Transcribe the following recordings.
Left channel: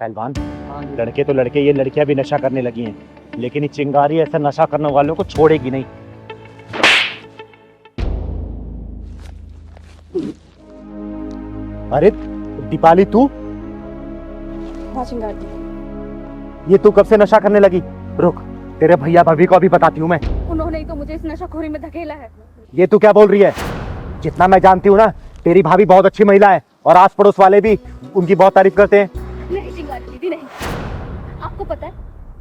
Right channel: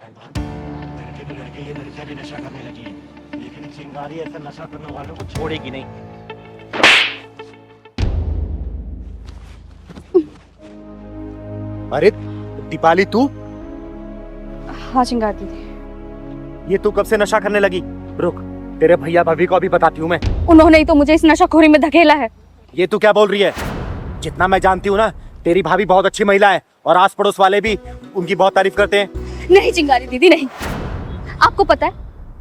पहलवान, लड़के तो लड़के, ये लड़कियां भी नशा करने लगी हैं, लेकिन ये चिंगारी ऐसे नशा करने वालों को छोड़ेगी नहीं। अरे दीपाली, तू? हाँ चिंगार दीदी। ये तू कब से नशा करने लगी? रुक, तेरे भैया भाभी को अभी बताती हूँ मैं। उन्होंने ही तो मुझे इस नशाखोरी में धकेला है। ये तू क्या बोल रही है? जितना मैं जानती हूँ ना, तेरी भाभी बहुत अच्छी महिला है और आस पड़ोस वाले भी उनकी बहुत तारीफ करते हैं। नहीं चिंगारी दीदी नहीं। आपको पता है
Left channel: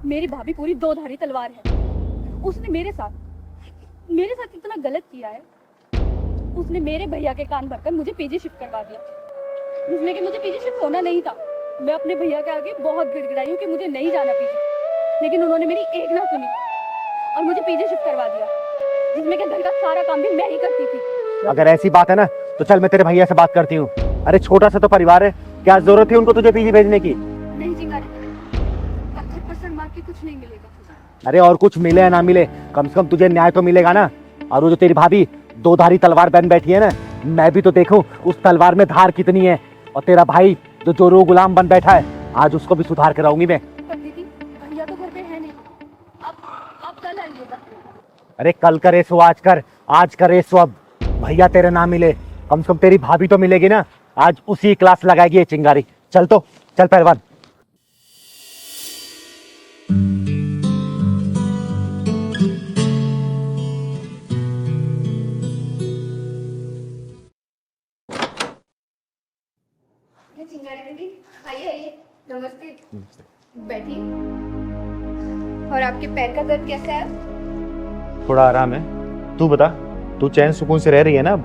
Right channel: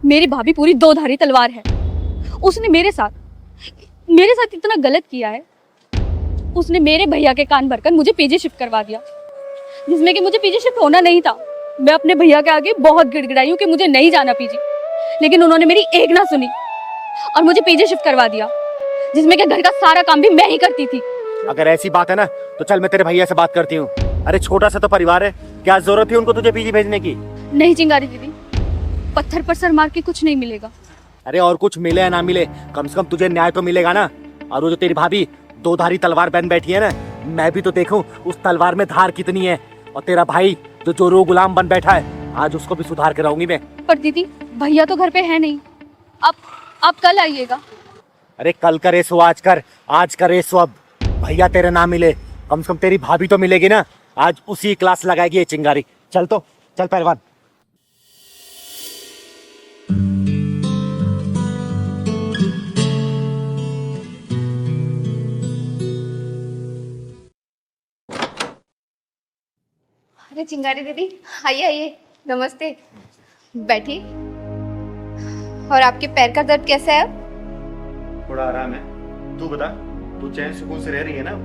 मेरी भाभी पूरी दो धारी तलवार है। उसने मेरे साथ इतना गलत किया है। उसने मेरे भैया के कान भरकर मुझे पीजी शिफ्ट करवा दिया, जिसमें कि मुझे पीजी शिफ्ट होना नहीं था। मैं अपने भैया के आगे बहुत गिड़गिड़ाई हूँ कि मुझे नहीं जाना पीजी, लेकिन उन्होंने मेरी एक ना सुनी और मुझे पीजी शिफ्ट करवा दिया, जिसमें कि घर का सारा काम भी मैं ही करती थी। अगर ऐसी बात है ना तो चल मैं तेरे भैया से बात करती हूँ। अरे छोटा सा तो परिवार है, क्या जरूरत थी उनको तुझे पीजी भेजने की? नहीं चिंगारी दीदी, पत्थर पर सर मार के कुछ नहीं मिलेगा। अरे और कुछ मिले या ना मिले, कम से कम तुझे न्याय तो मिलेगा ना। और वो जो तेरी भाभी दो धारी तलवार बन बैठी है ना, मैं भी तो देखूं उस तलवार में धार कितनी है। और तेरा भाई जो चोरों गुलाम बन बैठा है, आज उसको भी सुधार कर आऊंगी मैं। पर दीदी भैया तो घर पे है नहीं। आप कल आइएगा। अरे कल करे सो आज कर, आज करे सो अब। भैया तेरे ना मिले, कम से कम तेरी भाभी तो मिलेगी ना। आज उसी क्लास लगाएगी ये चिंगारी। चल तो चल पहलवान। अरे चिंगारी दीदी, आइए आइए, नमस्ते। बैठिए। और आपके पैर का दर्द कैसा है अब? थोड़ा आराम है। तू बता, तू चैन सुकून से रह रही है ना?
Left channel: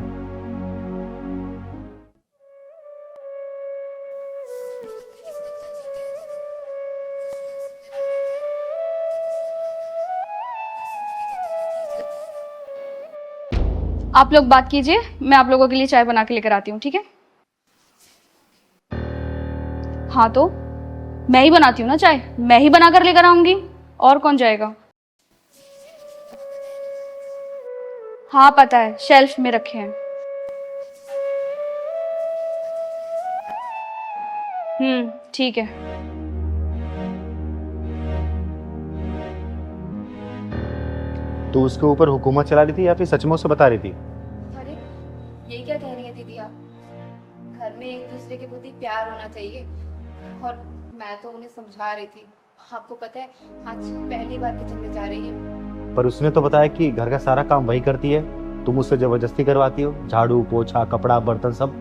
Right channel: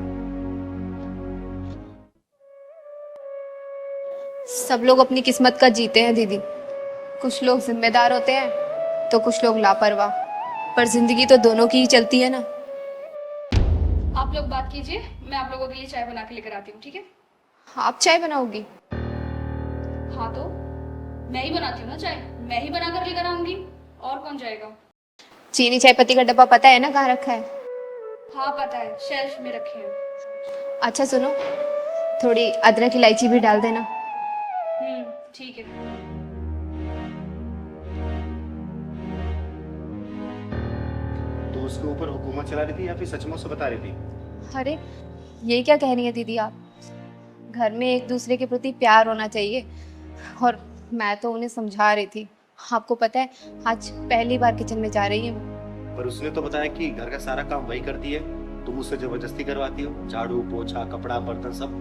सब लोग अपनी किस्मत का जीते हैं दीदी। कुछ लोग जिम्मेदार होते हैं तो कुछ लोग लापरवाह, पर जिंदगी तो दोनों की ही चलती है ना। आप लोग बात कीजिए, मैं आप लोगों के लिए चाय बना के लेकर आती हूँ, ठीक है? आप चाय बनाओगी? हाँ तो मैं ही बनाती हूँ ना चाय, मैं ही बना कर लेकर आऊंगी, और कौन जाएगा? चीनी चाय पत्ती का डब्बा पता है ना कहाँ रखा है? हाँ पता है, शेल्फ में रखे हैं। अच्छा सुनो, थोड़ी अदरक इलायची भी डाल देना। ठीक है। तू उसके ऊपर हुकूमत चला रही थी या फिर सचमुच से बता रही थी? अरे ये क्या कह रही है दीदी आप? घर में एक दूसरे के प्रति प्यार होना चाहिए, और मैं तो उन्हें समझा रही थी। आपको पता है आज पहली बार किचन में जा रही है। पर उसने तो बताया कि घर का सारा काम वही करती है, तुम उससे जबरदस्ती करवाती हो। झाड़ू पोछा कपड़ा बर्तन सब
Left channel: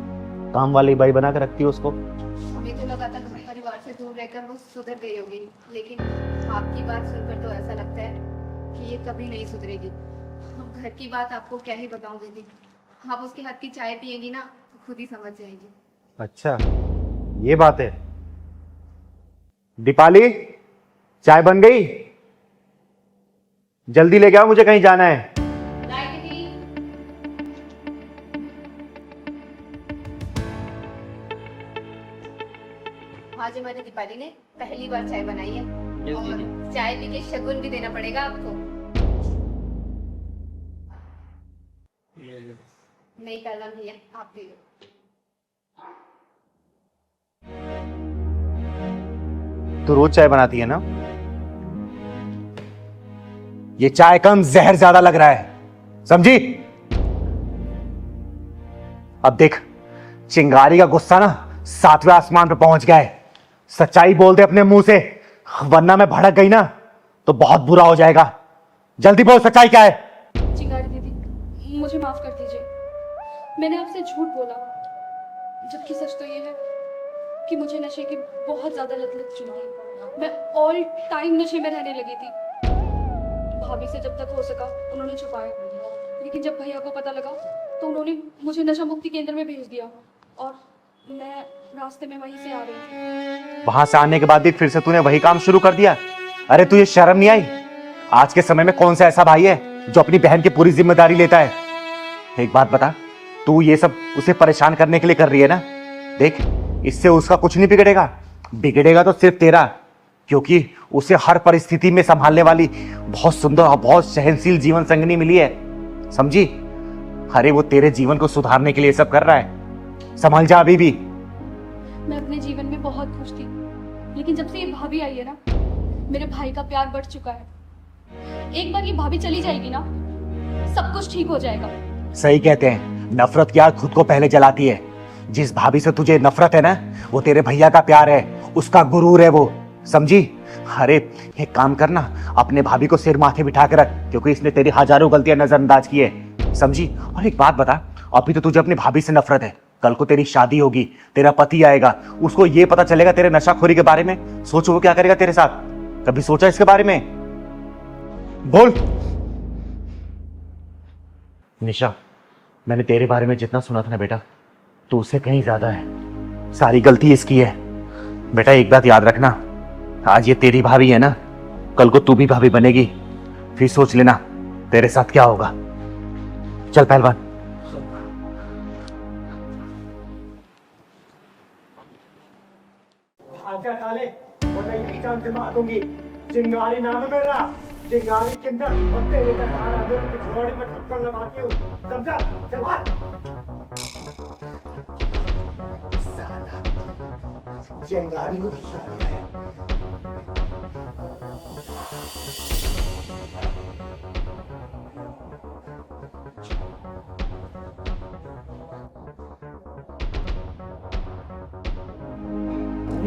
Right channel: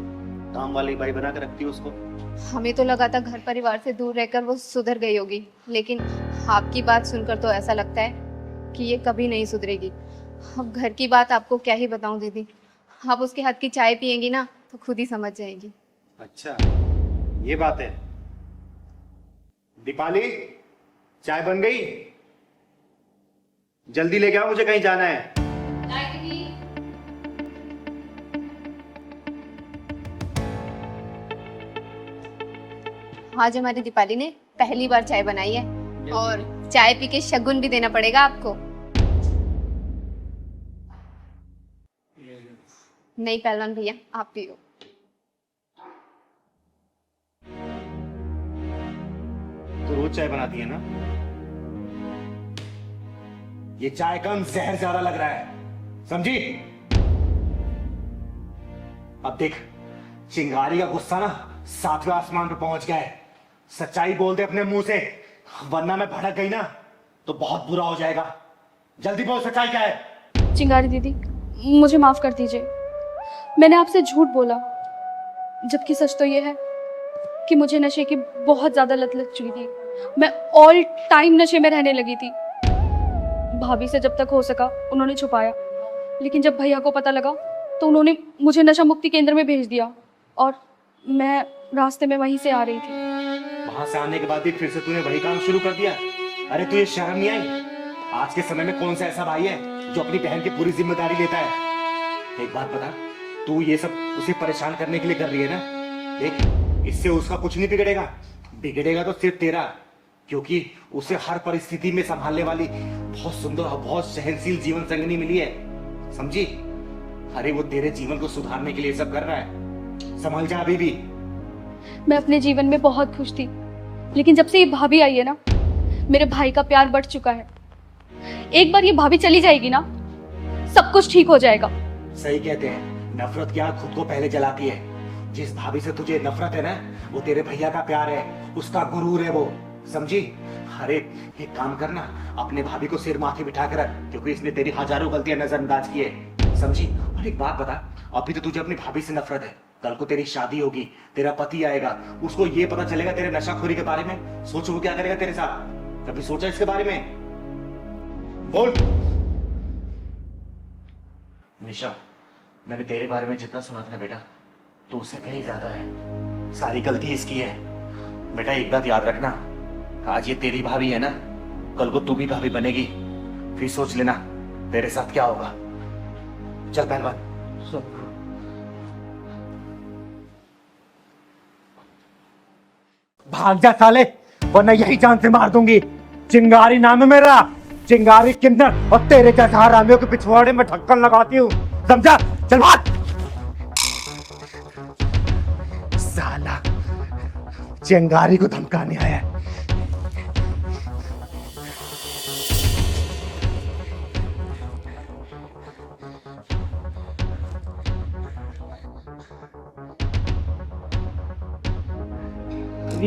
काम वाली बाई बना के रखती हो उसको। हमें तो लगा था घर परिवार से दूर रहकर वो सुधर गई होगी, लेकिन आपकी बात सुनकर तो ऐसा लगता है कि ये कभी नहीं सुधरेगी। अब घर की बात आपको क्या ही बताऊं दीदी, आप उसके हाथ की चाय पियेंगी ना तो खुद ही समझ जाएंगी। अच्छा ये बात है। दीपाली, चाय बन गई? जल्दी ले आओ, मुझे कहीं जाना है। आज हमारी दीपाली ने पहली बार चाय बनाई है, और चाय पी के शगुन भी देना पड़ेगा आपको। नहीं पहलवान भैया, आप पियो। तू रोज चाय बनाती है ना? ये चाय कम जहर ज्यादा लग रहा है, समझी? अब देख, चिंगारी का गुस्सा ना 7वें आसमान पे पहुंच गया है। सच्चाई बोल दे अपने मुंह से, वरना मैं भड़क गई ना तो बहुत बुरा हो जाएगा। जल्दी बोल, सच्चाई क्या है? चिंगारी दीदी मुझे माफ कर दीजिए, मैंने आपसे झूठ बोला, जबकि सच तो ये है कि मुझे नशे की बहुत ज्यादा लत लग चुकी थी। मैं ऑल टाइम नशे में रहने लगी थी। भाभी से जब तक हो सका उन्होंने छुपाया, लेकिन जब भैया को पता लगा तो उन्होंने मुझे नशा मुक्ति केंद्र में भेज दिया, और मैं रास्ते में वहीं से आ रही थी। वहां से आने के बाद भी फिर से तूने वही काम शुरू कर दिया? अरे तुझे शर्म नहीं आई? आज के समय में कौन सा ऐसा भाई है जो अपनी बहन की पूरी जिम्मेदारी लेता है? एक बात बता, तू ये सब उसे परेशान करने के लिए कर रही है ना? देख, इससे उसका कुछ नहीं बिगड़ेगा, बिगड़ेगा तो सिर्फ तेरा, क्योंकि उसे हर परिस्थिति में संभालने वाली बहुत सुंदर और बहुत सहनशील जीवन संगनी मिली है, समझी? अरे वो तेरे जीवन को सुधारने के लिए सब कर रहा है, संभल जा अभी भी। मैं अपने जीवन में बहुत खुश थी, लेकिन जब से ये भाभी आई है ना, मेरे भाई का प्यार बढ़ चुका है। एक बार ये भाभी चली जाएगी ना, सब कुछ ठीक हो जाएगा। सही कहते हैं, नफरत की आग खुद को पहले जलाती है। जिस भाभी से तुझे नफरत है ना, वो तेरे भैया का प्यार है, उसका गुरूर है वो, समझी? अरे एक काम करना, अपने भाभी को सिर माथे बिठा के रख, क्योंकि इसने तेरी हजारों गलतियां नजरअंदाज की है, समझी? और एक बात बता, अभी तो तुझे अपनी भाभी से नफरत है, कल को तेरी शादी होगी, तेरा पति आएगा, उसको ये पता चलेगा तेरे नशाखोरी के बारे में, सोचो वो क्या करेगा तेरे साथ। कभी सोचा इसके बारे में? बोल। निशा, मैंने तेरे बारे में जितना सुना था ना बेटा, तू उससे कहीं ज्यादा है। सारी गलती इसकी है। बेटा एक बात याद रखना, आज ये तेरी भाभी है ना, कल को तू भी भाभी बनेगी, फिर सोच लेना तेरे साथ क्या होगा। चल पहलवान। भाग जा साले, वरना यही जान से मार दूंगी। चिंगारी नाम है मेरा, चिंगारी किन्नर, और तेरे जैसा हरामियों के पिछवाड़े में ढक्कन लगाती हूँ, समझा? चल भाग। साला चिंगारी को धमकाने आया है।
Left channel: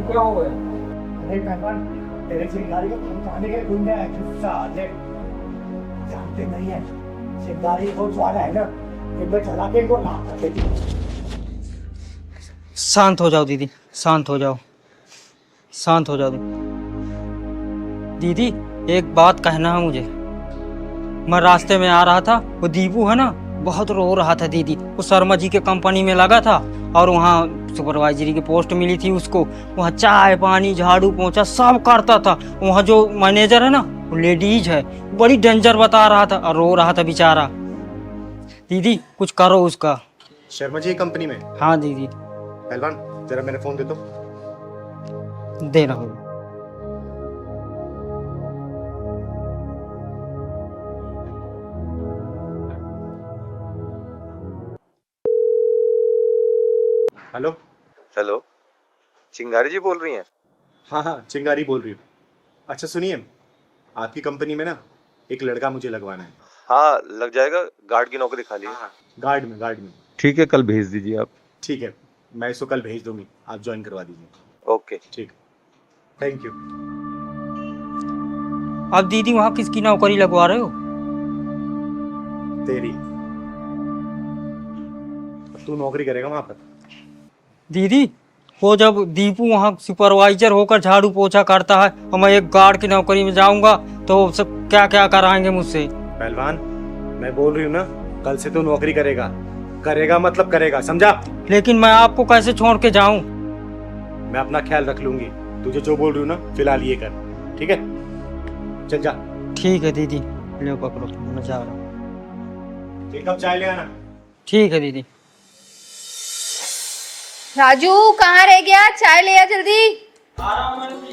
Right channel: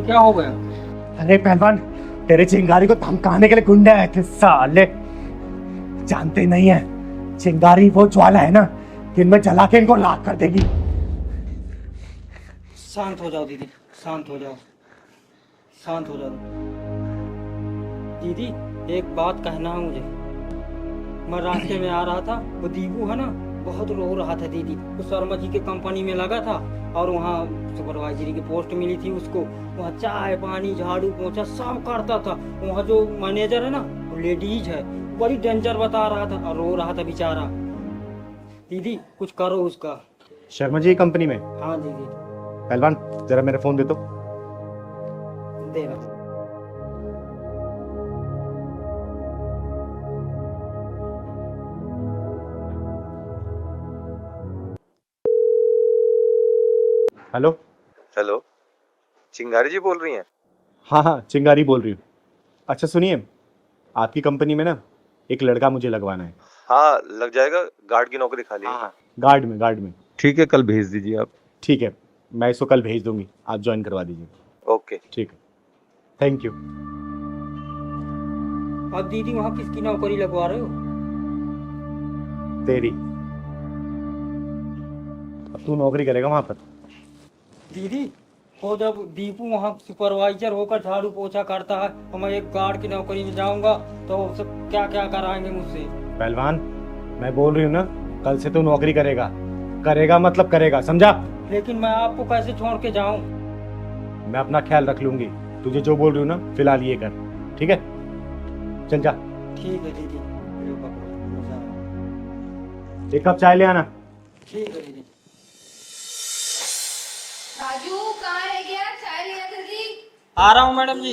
क्या हो गया? अरे पहलवान, तेरे चिंगारी को धमकाने के लिए गुंडे आए थे साले। जानते नहीं है, चिंगारी वो ज्वाला है ना, दिन में जला के इनको राख कर देगी। शांत हो जाओ दीदी, शांत हो जाओ, शांत हो जाओ दीदी। एक बात कहना है मुझे। मैं रास्ते में आ रहा था, वो दीपू है ना, बहुत रो रहा था दीदी। वो शर्मा जी के कंपनी में लगा था और वहाँ सुपरवाइजरी की पोस्ट मिली थी उसको। वहाँ चाय पानी झाड़ू पोंछा सब करता था। वहाँ जो मैनेजर है ना, वो लेडीज है, बड़ी डेंजर बता रहा था और रो रहा था बेचारा। दीदी कुछ करो उसका। शर्मा जी कंपनी में? हाँ दीदी। पहलवान जरा मेरा फोन दे दो। दे रहा हूँ। हेलो। हेलो, चिंगारी जी बोल रही हैं? हाँ हाँ, चिंगारी बोल रही हूँ। अच्छा सुनिए, आपकी कंपनी में ना एक लड़का मुझे लगवाना है। हाँ लग जाएगा, गार्ड की नौकरी खाली है। गार्ड में। ठीक है, कल भेज दीजिए आप। ठीक है, मैं इसको कल भेज दूंगी, आप ज्वाइन करवा दीजिए। ओके ठीक है, थैंक यू। आप दीदी वहाँ किसकी नौकरी लगवा रहे हो? तेरी। अब तू नौकरी करेगा वहां पर। दीदी वो जब दीपू वहाँ सुपरवाइजर होकर झाड़ू पोछा करता है और मैं एक गार्ड की नौकरी में जाऊंगा तो सब क्या क्या कराएंगे मुझसे? पहलवान मैं बोल रही हूँ ना, कल से तू नौकरी करेगा। करेगा मतलब करेगा, समझा? लेकिन मैं आपको कैसे छोड़ के जाऊं? मैं अपना ख्याल रख लूंगी। तुझे जो बोल रही हूँ ना, फिलहाल ये कर, ठीक है? चल जा। ठीक है दीदी, ले पकड़ो, मैं जा रहा हूँ। एक कप चाय ले आना। ठीक है दीदी। राजू कहाँ रह गया? चाय ले आ जल्दी। आ रहा हूँ मैडम जी।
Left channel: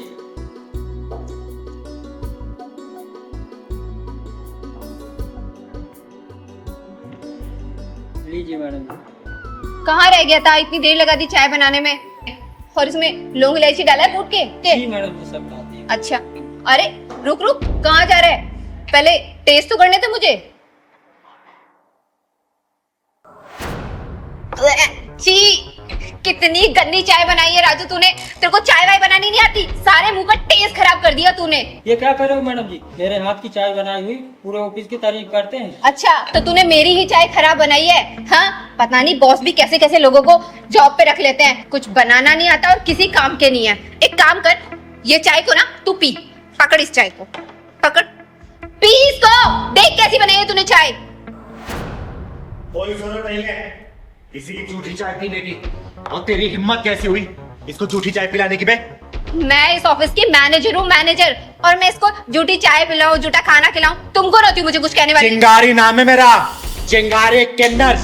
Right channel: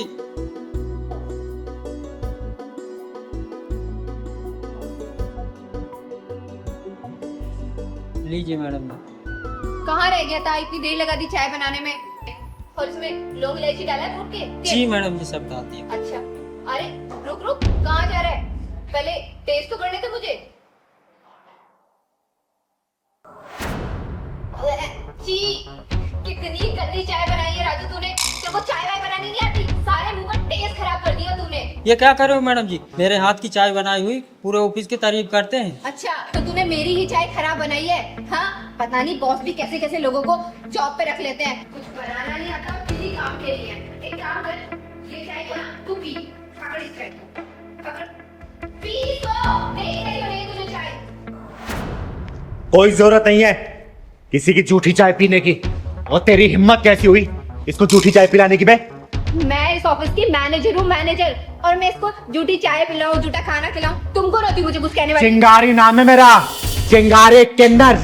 लीजिए मैडम जी। कहाँ रह गया था? इतनी देर लगा दी चाय बनाने में, और इसमें लौंग इलायची डाला है कूट के? जी मैडम जी, सब डाल दिया। अच्छा, अरे रुक कहाँ जा रहा है? पहले टेस्ट तो करने थे मुझे। छी, कितनी गंदी चाय बनाई है राजू तूने। तेरे को चाय वाय बनानी नहीं आती, सारे मुंह का टेस्ट खराब कर दिया तूने। ये क्या कर रहे हो मैडम जी? मेरे हाथ की चाय बनाई हुई पूरे ऑफिस की तारीफ करते हैं। अच्छा, तो तूने मेरी ही चाय खराब बनाई है? हाँ, पता नहीं बॉस भी कैसे कैसे लोगों को जॉब पे रख लेते हैं, कुछ बनाना नहीं आता और किसी काम के नहीं है। एक काम कर, ये चाय को ना तू पी, पकड़ इस चाय को, पकड़, पी इसको, देख कैसी बनाई है तूने चाय। कोई जरूरत नहीं है किसी की झूठी चाय पीने की। और तेरी हिम्मत कैसी हुई इसको झूठी चाय पिलाने की? मैं इस ऑफिस की मैनेजर हूँ, मैनेजर, और मैं इसको झूठी चाय पिलाऊं, झूठा खाना खिलाऊं? तुमको रहती मुझे कुछ कहने वाली? चिंगारी नाम है मेरा, चिंगारी किन्नर,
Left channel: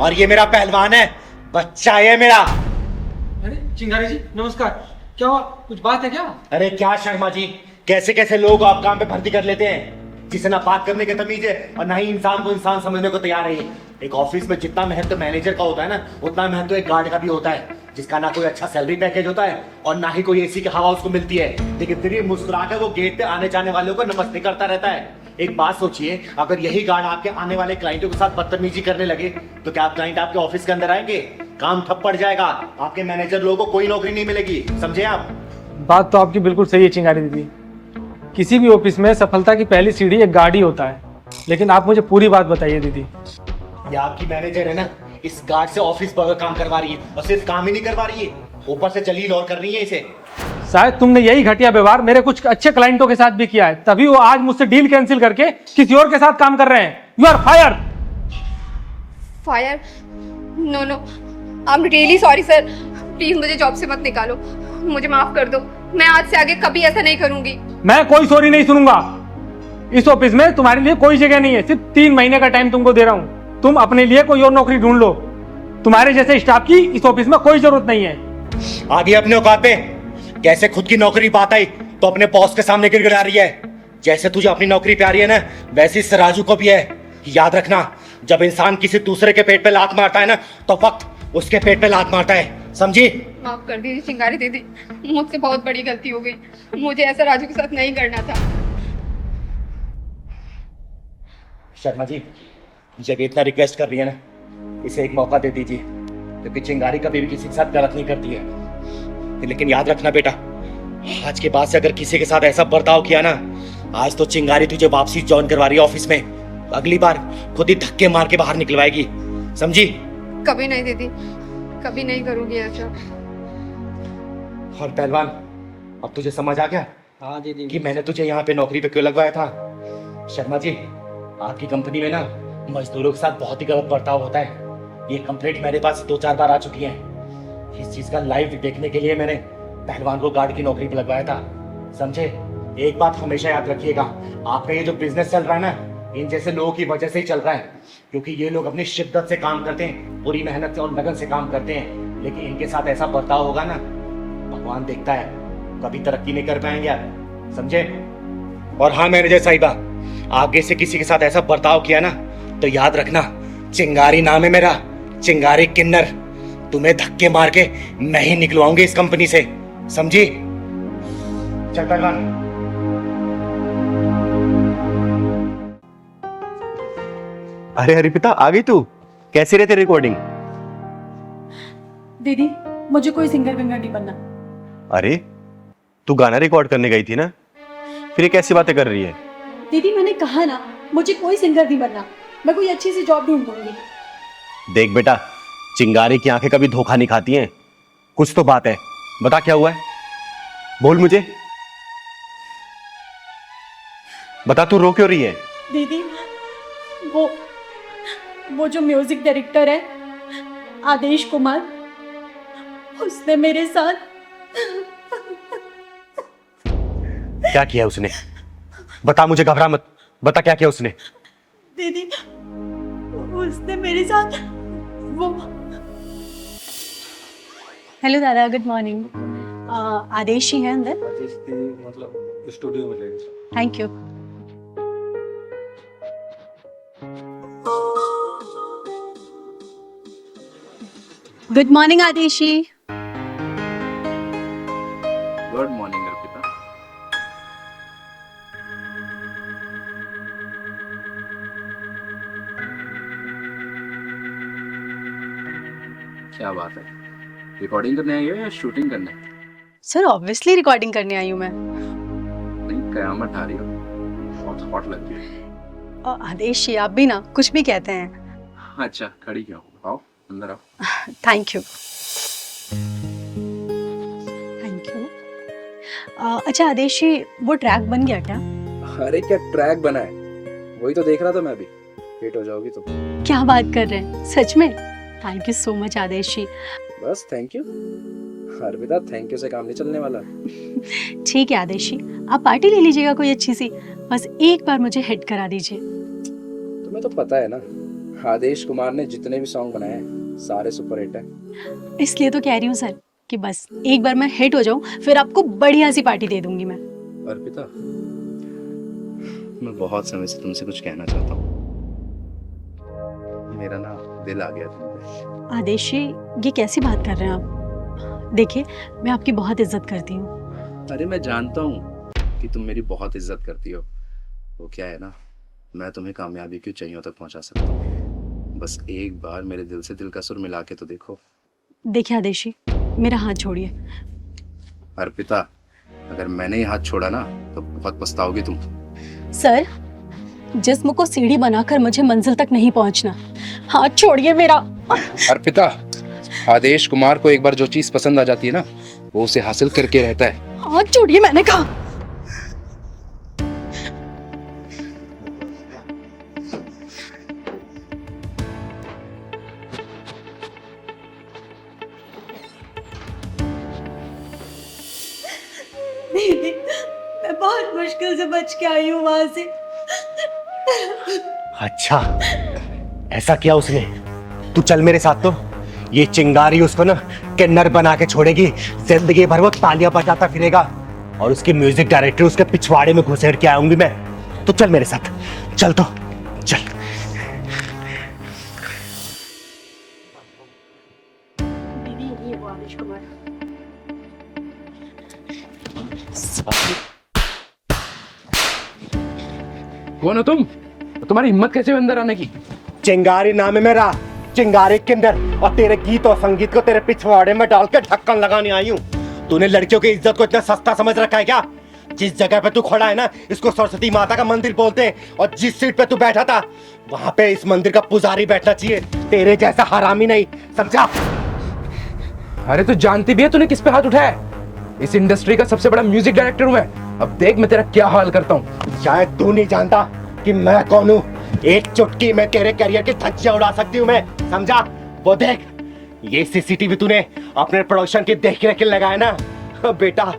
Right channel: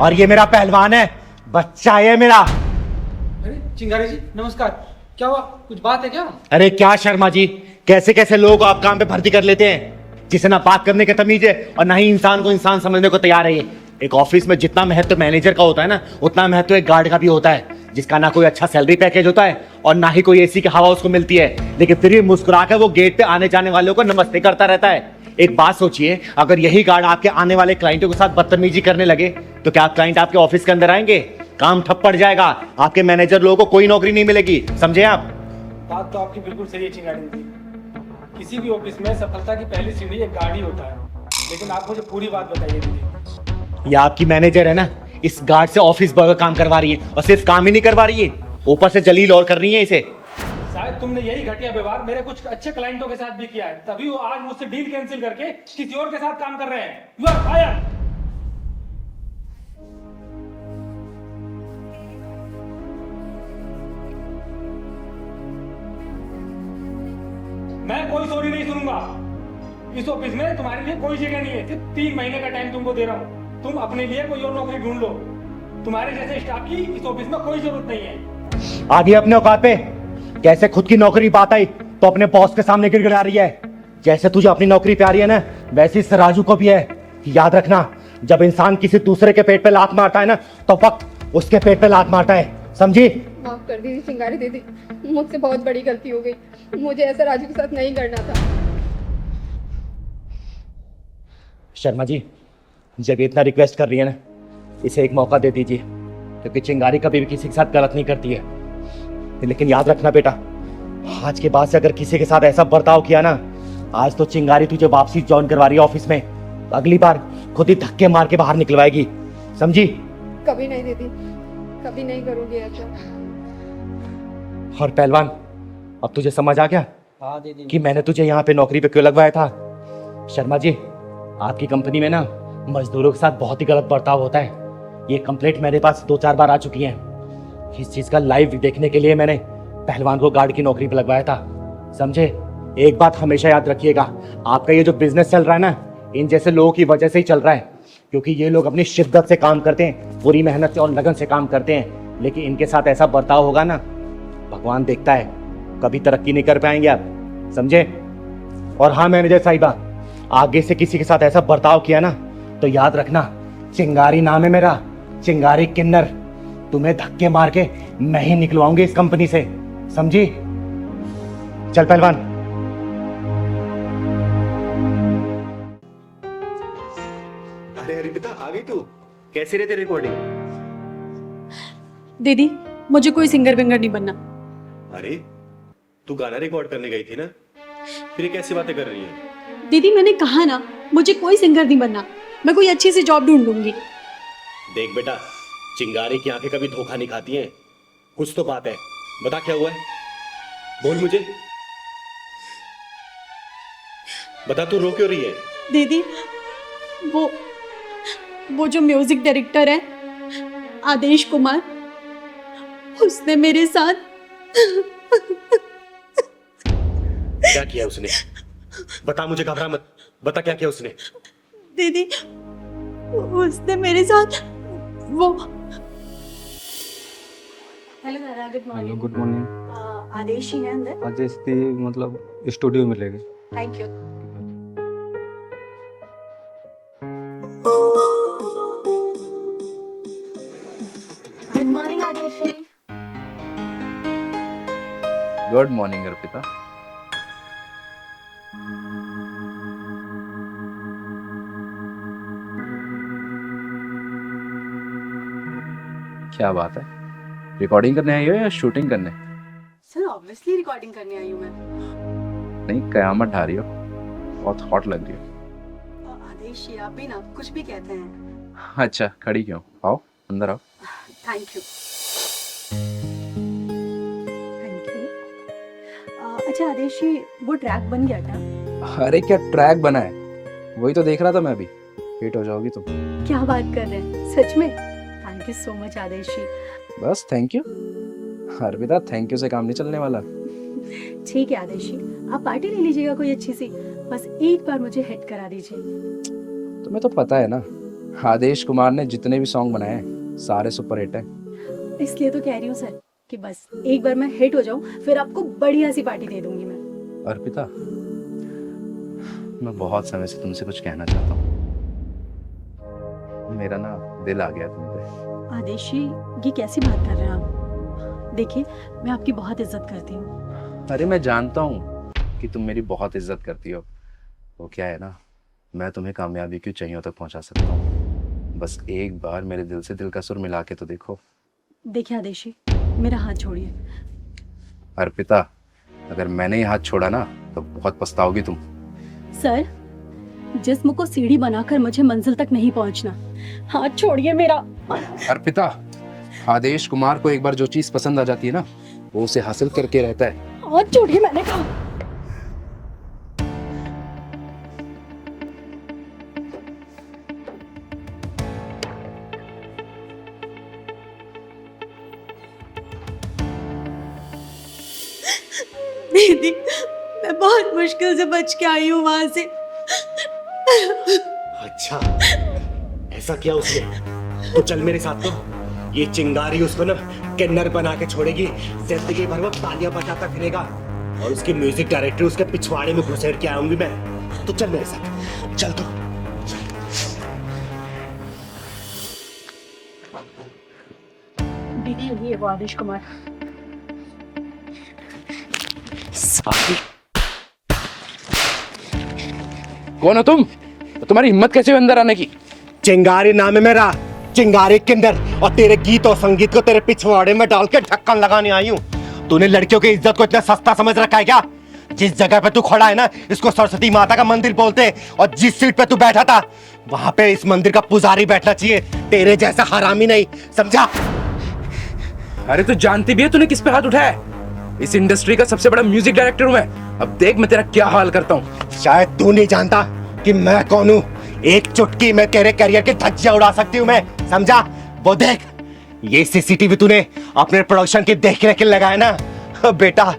और ये मेरा पहलवान है, बच्चा है मेरा। अरे चिंगारी जी नमस्कार, क्या हुआ? कुछ बात है क्या? अरे क्या शर्मा जी, कैसे कैसे लोग आप काम पे भर्ती कर लेते हैं, जिसे ना बात करने की तमीज है और ना ही इंसान को इंसान समझने को तैयार है। ये एक ऑफिस में जितना महत्व मैनेजर का होता है ना, उतना महत्व एक गार्ड का भी होता है। जिसका ना कोई अच्छा सैलरी पैकेज होता है और ना ही कोई एसी की हवा उसको मिलती है, लेकिन फिर भी मुस्कुरा कर वो गेट पे आने जाने वालों को नमस्ते करता रहता है। एक बात सोचिए, अगर यही गार्ड आपके आने वाले क्लाइंटों के साथ बदतमीजी करने लगे तो क्या क्लाइंट आपके ऑफिस के अंदर आएंगे? काम ठप पड़ जाएगा, आपके मैनेजर लोगों को कोई नौकरी नहीं मिलेगी, समझे आप? बात तो आपकी बिल्कुल सही है चिंगारी दीदी। किसी भी ऑफिस में सफलता की पहली सीढ़ी एक गार्ड ही होता है। लेकिन आप मुझे पूरी बात बताइए दीदी। ये आपकी मैनेजर है ना, इस गार्ड से ऑफिस बर्गर काम करवा रही है, और सिर्फ काम ही नहीं करवा रही है, ऊपर से जलील और कर रही है इसे। शायद तुमने यही घटिया व्यवहार मेरे कुछ अच्छे क्लाइंटों के साथ भी किया है, तभी वो आज मुझसे डील कैंसिल करके किसी और के साथ काम कर रहे हैं। You are fire. Fire? No no, I am really sorry sir. Please मुझे जॉब से मत निकालो, मुझे माफ कर दो। मैं आज से आगे कभी ऐसा नहीं करूंगी। मैं कोई सॉरी नहीं सुनूंगा। इस ऑफिस में तुम्हारे लिए कोई जगह नहीं है। सिर्फ 3 महीने का टाइम तुमको दे रहा हूँ, तुम अपने लिए कोई और नौकरी ढूंढ लो। तुम्हारे जैसे स्टाफ की इस ऑफिस में कोई जरूरत नहीं है। आगे अपने औकात पे। कैसे खुद की नौकरी बात आई तो अपने बॉस के सामने गिड़गिड़ा रही है। जैसे तुझे अपनी नौकरी प्यारी है ना, वैसे इस राजू को भी है। याद रखना, जब इंसान किसी दूसरे के पेट पे लात मारता है ना, तो वक्त उसके पेट पे लात मारता है, समझी? माफ कर दीजिए चिंगारी दीदी, मुझसे बहुत बड़ी गलती हो गई। मुझे ऐसा राजू के साथ नहीं करना था। शर्मा जी, जब इतना रिक्वेस्ट कर रही है ना, इसे एक मौका दे दीजिए, क्योंकि चिंगारी कभी भी किसी के साथ गलत नहीं करती है। लेकिन याद रखना बेटा, आज के बाद से अगर किसी के साथ ऐसा बर्ताव किया ना, आज तो चिंगारी तुझे वापसी ज्वाइन करवा रही है ऑफिस में, अगली बार खुद ही धक्के मार के बाहर निकलवाएगी, समझी? कभी नहीं दीदी, कभी नहीं करूंगी ऐसा। और पहलवान, अब तुझे समझ आ गया हाँ दीदी। कि मैंने तुझे यहाँ पे नौकरी पे क्यों लगवाया था? शर्मा जी, आपकी कंपनी में ना मजदूरों के साथ बहुत ही गलत बर्ताव होता है। ये कंप्लेंट मेरे पास 2-4 बार आ चुकी है। इस चीज का लाइव देखने के लिए मैंने पहलवान को गार्ड की नौकरी पे लगवाया था, समझे? एक बात हमेशा याद रखिएगा, आपका ये जो बिजनेस चल रहा है ना, इन जैसे लोगों की वजह से ही चल रहा है, क्योंकि ये लोग अपनी शिद्दत से काम करते हैं, पूरी मेहनत से और लगन से काम करते हैं। लेकिन इनके साथ ऐसा बर्ताव होगा ना, भगवान देखता है, कभी तरक्की नहीं कर पाएंगे आप, समझे? और हाँ मैनेजर साहिबा, आगे से किसी के साथ ऐसा बर्ताव किया ना, तो याद रखना, चिंगारी नाम है मेरा, चिंगारी किन्नर। तुम्हें धक्के मार के नहीं निकलवाऊंगी इस कंपनी से, समझी? चल पहलवान। अरे हरिपिता, आ गई तू? कैसी रहती रिकॉर्डिंग? दीदी, मुझे कोई सिंगर विंगर नहीं बनना। अरे तू गाना रिकॉर्ड करने गई थी ना, फिर ये कैसी बातें कर रही है? दीदी मैंने कहा ना, मुझे कोई सिंगर नहीं बनना। मैं कोई अच्छी सी जॉब ढूंढ लूंगी। देख बेटा, चिंगारी की आंखें कभी धोखा नहीं खाती हैं। कुछ तो बात है, बता क्या हुआ है, बोल मुझे, बता, तू रो क्यों रही है? दीदी, वो जो म्यूजिक डायरेक्टर है आदेश कुमार, उसने मेरे साथ क्या किया उसने? बता मुझे, घबरा मत, बता क्या किया उसने? दीदी, उसने मेरे साथ वो। हेलो दादा, good morning. Good morning. Adesh ही है अंदर? आदेश थी, मतलब स्टूडियो में ले गए। Thank you. Good morning Adesh ji. Good morning Arpita. क्या बात है, रिकॉर्डिंग करने आई हो या शूटिंग करने? सर ऑब्वियसली रिकॉर्डिंग करने आई हूँ मैं। नहीं, कयामत ढा रही हो, बहुत हॉट लग रही हो। आदेश जी, आप भी ना कुछ भी कहते हैं। अच्छा, खड़ी क्यों? आओ अंदर आओ। Thank you. Thank you. अच्छा आदेश जी, वो ट्रैक बन गया क्या? अरे क्या ट्रैक बना है, वही तो देख रहा था मैं अभी। हिट हो जाओगी तुम। क्या बात कर रहे हैं, सच में? थैंक यू सो मच आदेश जी। बस thank you Arpita, thank you से काम नहीं चलने वाला। ठीक है आदेश जी, आप पार्टी ले लीजिएगा कोई अच्छी सी, बस एक बार मुझे हिट करा दीजिए। तुम्हें तो पता है ना, आदेश कुमार ने जितने भी सॉन्ग बनाए हैं सारे सुपर हिट हैं। इसलिए तो कह रही हूँ सर कि बस एक बार मैं हिट हो जाऊं, फिर आपको बढ़िया सी पार्टी दे दूंगी मैं। अर्पिता, मैं बहुत समय से तुमसे कुछ कहना चाहता हूँ। मेरा ना दिल आ गया तुम पे। आदेश जी, ये कैसी बात कर रहे हैं आप? देखिए, मैं आपकी बहुत इज्जत करती हूँ। अरे मैं जानता हूँ कि तुम मेरी बहुत इज्जत करती हो। वो क्या है ना, मैं तुम्हें कामयाबी की ऊंचाइयों तक पहुंचा सकता हूँ। बस एक बार मेरे दिल से दिल का सुर मिला के तो देखो। देखिए आदेशी, मेरा हाथ छोड़िए। अर्पिता, अगर मैंने ये हाथ छोड़ा ना तो बहुत पछताओगी तुम। सर, जिस्म को सीढ़ी बनाकर मुझे मंजिल तक नहीं पहुंचना। हाथ छोड़िए मेरा। अर्पिता, आदेश कुमार को एक बार जो चीज पसंद आ जाती है ना, वो उसे हासिल करके रहता है। हाथ छोड़िए, मैंने कहा। दीदी, मैं बहुत मुश्किल से बच के आई हूँ वहां से। अच्छा, ऐसा किया उसने? तो चल मेरे साथ। तो ये चिंगारी उसको ना किन्नर बना के छोड़ेगी। जिंदगी भर वो तालियां बजाता फिरेगा और उसके म्यूजिक डायरेक्टर उसके पिछवाड़े में घुसेड़ के आऊंगी मैं। तो चल मेरे साथ, चल तो चल। दीदी, ये वो आदेश कुमार। कौन हो तुम? तुम्हारी हिम्मत कैसे हुई अंदर आने की? चिंगारी नाम है मेरा, चिंगारी किन्नर, और तेरे गीत और संगीत को तेरे पिछवाड़े में डाल के ढक्कन लगाने आई हूँ। तूने लड़कियों की इज्जत को इतना सस्ता समझ रखा है क्या? जिस जगह पे तू खड़ा है ना, इसको सरस्वती माता का मंदिर बोलते हैं, और जिस सीट पे तू बैठा था वहां पे इस मंदिर का पुजारी बैठना चाहिए, तेरे जैसा हरामी नहीं, समझा? अरे तू जानती भी है तूने किस पे हाथ उठाया है? इस इंडस्ट्री का सबसे बड़ा म्यूजिक डायरेक्टर हूं मैं। अब देख मैं तेरा क्या हाल करता हूँ। शायद तू नहीं जानता कि मैं कौन हूँ। एक चुटकी में तेरे करियर की धज्जियां उड़ा सकती हूँ मैं, समझा? वो देख, ये सीसीटीवी तूने अपने प्रोडक्शन की देख रेख लगाया ना। अब बेटा,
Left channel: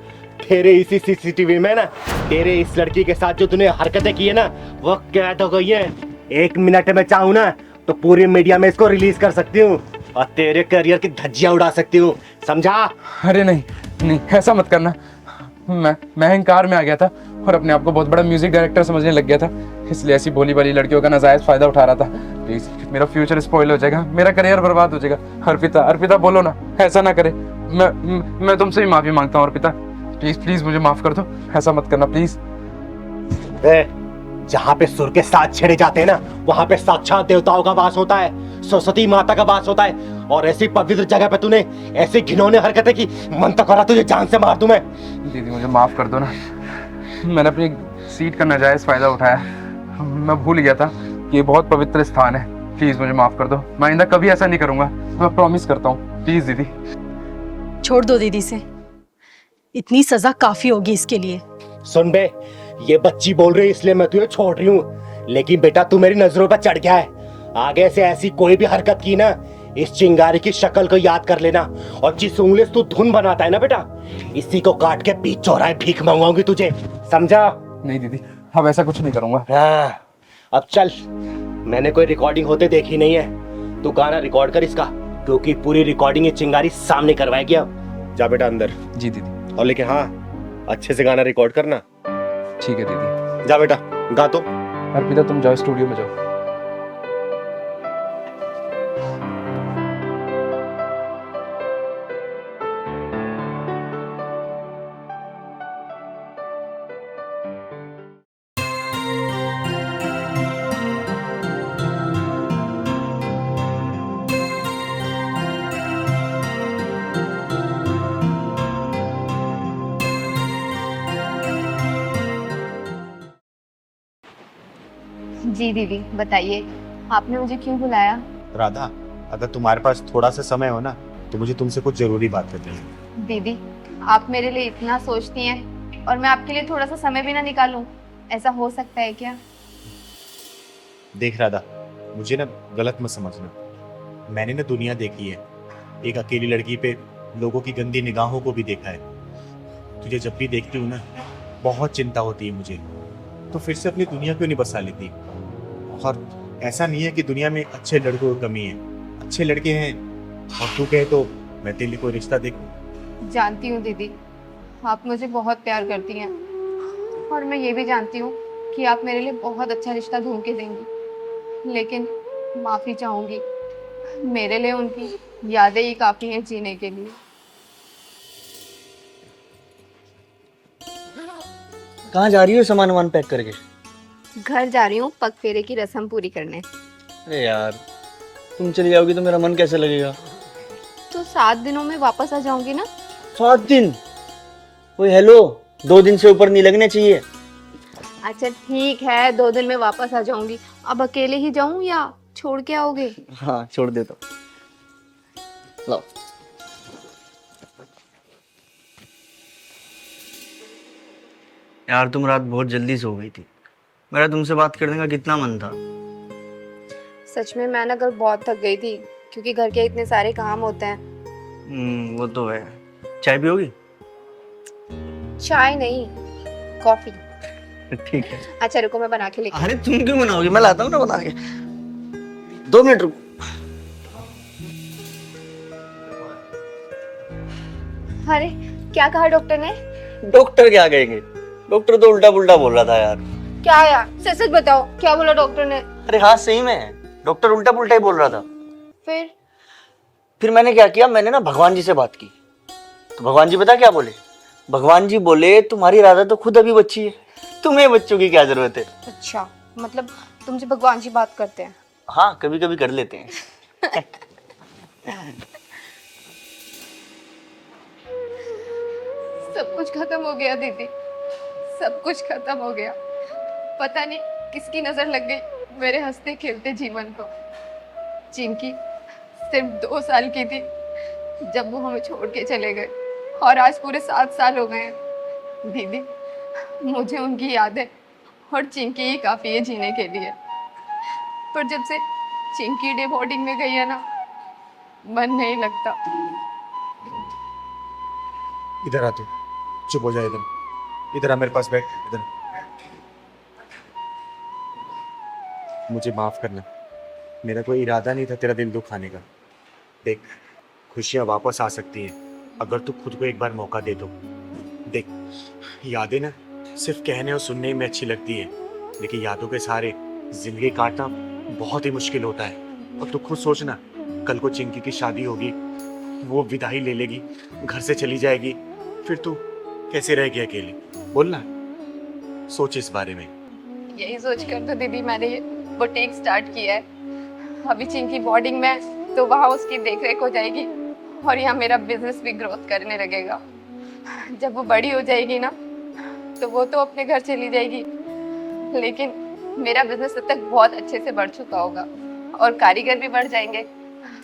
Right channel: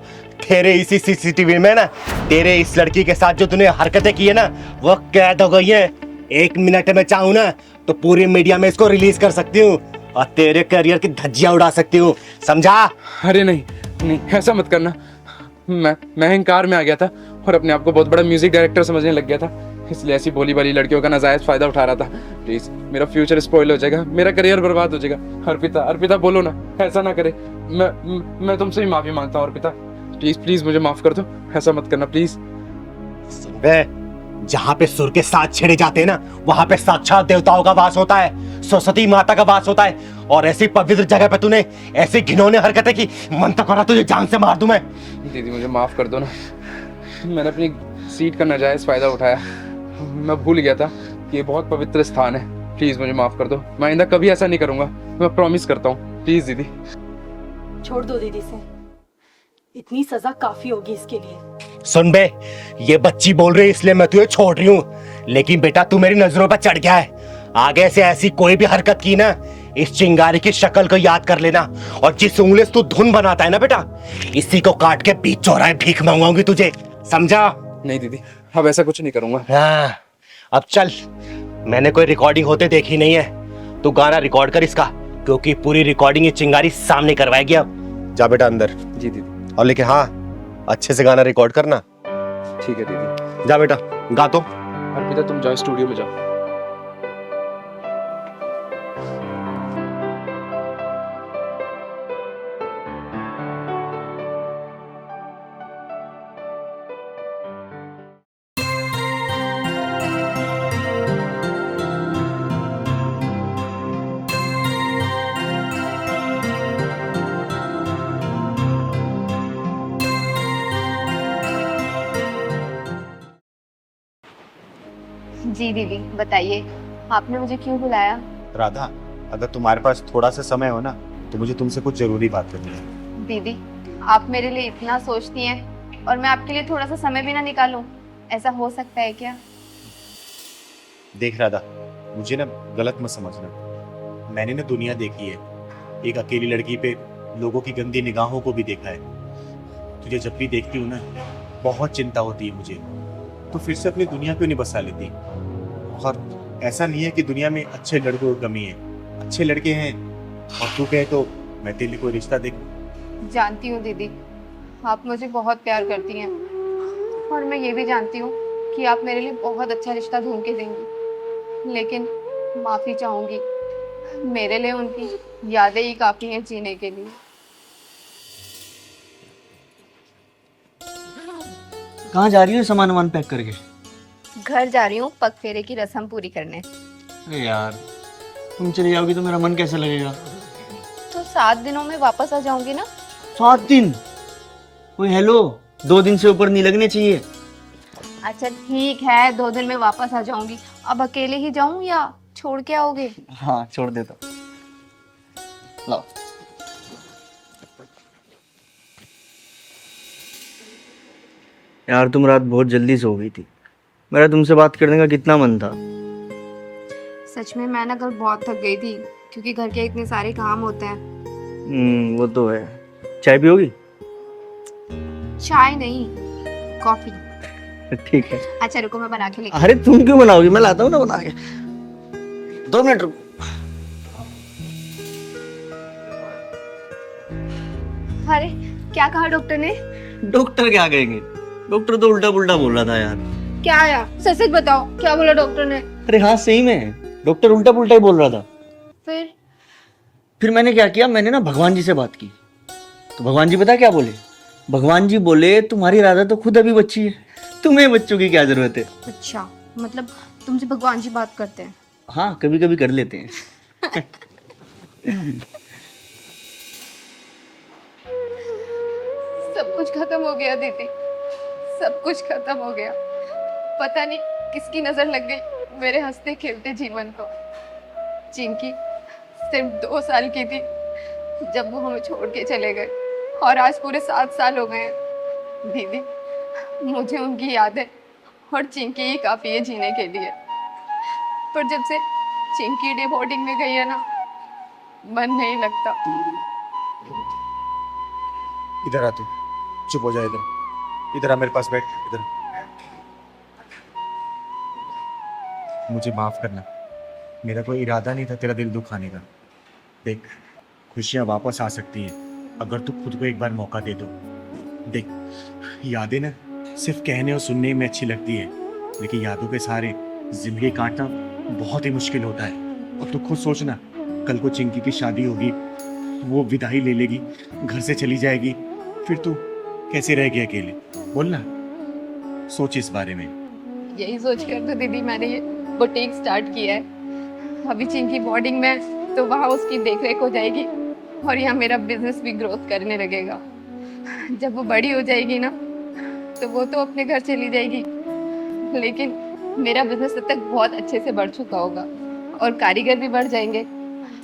तेरे इसी सीसीटीवी में ना तेरे इस लड़की के साथ जो तूने हरकतें की है ना, वो कैद हो गई है। 1 मिनट में चाहूँ ना तो पूरी मीडिया में इसको रिलीज कर सकती हूँ और तेरे करियर की धज्जियां उड़ा सकती हूँ, समझा? अरे नहीं नहीं, ऐसा मत करना। मैं अहंकार में आ गया था और अपने आप को बहुत बड़ा म्यूजिक डायरेक्टर समझने लग गया था, इसलिए ऐसी भोली भाली लड़कियों का नाजायज फायदा उठा रहा था। प्लीज, मेरा फ्यूचर स्पॉइल हो जाएगा, मेरा करियर बर्बाद हो जाएगा। अर्पिता, अर्पिता बोलो ना, ऐसा ना करे। मैं तुमसे भी माफी मांगता हूँ अर्पिता। प्लीज प्लीज मुझे माफ कर दो, ऐसा मत करना प्लीज। जहाँ पे सुर के साथ छेड़े जाते हैं ना, वहां पे साक्षात देवताओं का वास होता है, सरस्वती माता का वास होता है। और ऐसी पवित्र जगह पे तूने ऐसी घिनौनी हरकतें की, मन तो करा तुझे जान से मार दूं मैं। दीदी मुझे माफ कर दो ना, मैंने अपनी सीट का नाजायज फायदा उठाया। मैं भूल गया था कि ये बहुत पवित्र स्थान है। प्लीज मुझे माफ कर दो, मैं आइंदा कभी ऐसा नहीं करूंगा, मैं प्रॉमिस करता हूँ। प्लीज दीदी। छोड़ दो दीदी से, इतनी सजा काफी होगी इसके लिए। सुन बे, ये बच्ची बोल रही है इसलिए मैं तुझे छोड़ रही हूँ, लेकिन बेटा तू मेरी नजरों पर चढ़ गया है। आगे से ऐसी कोई भी हरकत की ना, इस चिंगारी की शक्ल को याद कर लेना, और जिस उंगली से तू धुन बनाता है ना बेटा, इसी को काट के बीच चौराहे भीख मांगूंगी तुझे, समझा? नहीं दीदी, अब ऐसा कुछ नहीं करूंगा। हाँ, अब चल। मैंने कोई रिकॉर्डिंग होते देखी नहीं है, तू गाना रिकॉर्ड कर इसका, क्योंकि पूरी रिकॉर्डिंग ये चिंगारी सामने करवाएगी। अब जा बेटा अंदर। जी दीदी। और लेकिन हाँ, अच्छे से गाना रिकॉर्ड करना। ठीक है दीदी। जा बेटा, गा तो। अर्पिता तुम जाओ स्टूडियो में जाओ। जी दीदी, बताइए, आपने मुझे क्यों बुलाया? राधा, अगर तुम्हारे पास थोड़ा सा समय हो ना तो मुझे तुमसे कुछ जरूरी बात करनी है। दीदी, आप मेरे लिए इतना सोचती हैं और मैं आपके लिए थोड़ा सा समय भी ना निकालूं, ऐसा हो सकता है क्या? देख राधा, मुझे ना गलत मत समझ लो। मैंने ना दुनिया देखी है, एक अकेली लड़की पे लोगों की गंदी निगाहों को भी देखा है। तुझे जब भी देखती हूँ ना, बहुत चिंता होती है मुझे, और फिर से अपनी दुनिया क्यों नहीं बसा लेती? और ऐसा नहीं है कि दुनिया में अच्छे लड़कों की कमी है, अच्छे लड़के हैं, तो कहे तो मैं तेरी को रिश्ता देखूं। जानती हूँ दीदी, आप मुझे बहुत प्यार करती हैं, और मैं ये भी जानती हूँ कि आप मेरे लिए बहुत अच्छा रिश्ता ढूंढ के देंगी, लेकिन माफ़ी चाहूँगी, मेरे लिए उनकी यादें ही काफ़ी हैं जीने के लिए। कहाँ जा रही हो सामान वामान पैक करके? घर जा रही हूँ पग फेरे की रस्म पूरी करने। अरे यार, तुम चली जाओगी तो मेरा मन कैसे लगेगा? तो 7 दिनों में वापस आ जाऊंगी ना। 7 दिन? ओए हेलो, 2 दिन से ऊपर नहीं लगने चाहिए। अच्छा ठीक है, 2 दिन में वापस आ जाऊंगी। अब अकेले ही जाऊं या छोड़ के आओगे? हाँ छोड़ देता। लो। यार तुम रात बहुत जल्दी सो गई थी, मेरा तुमसे बात करने का कितना मन था। सच में मैं ना कल बहुत थक गई थी, क्योंकि घर के इतने सारे काम होते हैं। वो तो है। चाय पियोगी? चाय नहीं, कॉफी। ठीक है। अच्छा रुको, मैं बना के लेके। अरे तुम क्यों बनाओगी, मैं लाता हूँ ना बना के। 2 मिनट रुको। अरे क्या कहा डॉक्टर ने? डॉक्टर क्या कहेंगे, डॉक्टर तो उल्टा पुल्टा बोल रहा था यार। क्या यार, सच सच बताओ क्या बोला डॉक्टर ने? अरे हाँ सही में, डॉक्टर उल्टा पुल्टा ही बोल रहा था। फिर मैंने क्या किया, मैंने ना भगवान जी से बात की। तो भगवान जी पता क्या बोले? भगवान जी बोले तुम्हारी राधा तो खुद अभी बच्ची है, तुम्हें बच्चों की क्या जरूरत है। अच्छा, मतलब तुमसे भगवान जी बात करते हैं? हाँ कभी कभी कर लेते हैं। सब कुछ खत्म हो गया दीदी, सब कुछ खत्म हो गया। पता नहीं किसकी नजर लग गई मेरे हंसते खेलते जीवन को। चिंकी सिर्फ 2 साल की थी जब वो हमें छोड़ के चले गए, और आज पूरे 7 साल हो गए हैं। दीदी मुझे उनकी यादें और चिंकी ही काफी है जीने के लिए। पर जब से चिंकी डे बोर्डिंग में गई है ना, मन नहीं लगता। इधर आते, चुप हो जाए, इधर आ मेरे पास बैठ। मुझे माफ करना, मेरा कोई इरादा नहीं था तेरा दिल दुखाने का। देख, खुशियाँ वापस आ सकती है अगर तू खुद को एक बार मौका दे तो। देख, यादें ना सिर्फ कहने और सुनने में अच्छी लगती है, लेकिन यादों के सहारे जिंदगी काटना बहुत ही मुश्किल होता है। और तू खुद सोचना, कल को चिंकी की शादी होगी, वो विदाई ले लेगी, घर से चली जाएगी, फिर तू कैसे रहेगी अकेले? बोलना, सोच इस बारे में। यही सोचकर तो दीदी मैंने ये बुटीक स्टार्ट किया है। अभी चिंकी बोर्डिंग में है तो वहाँ उसकी देखरेख हो जाएगी, और यहाँ मेरा बिजनेस भी ग्रोथ करने लगेगा। जब वो बड़ी हो जाएगी ना, तो वो तो अपने घर चली जाएगी, लेकिन मेरा बिजनेस तब तक बहुत अच्छे से बढ़ चुका होगा, और कारीगर भी बढ़ जाएंगे।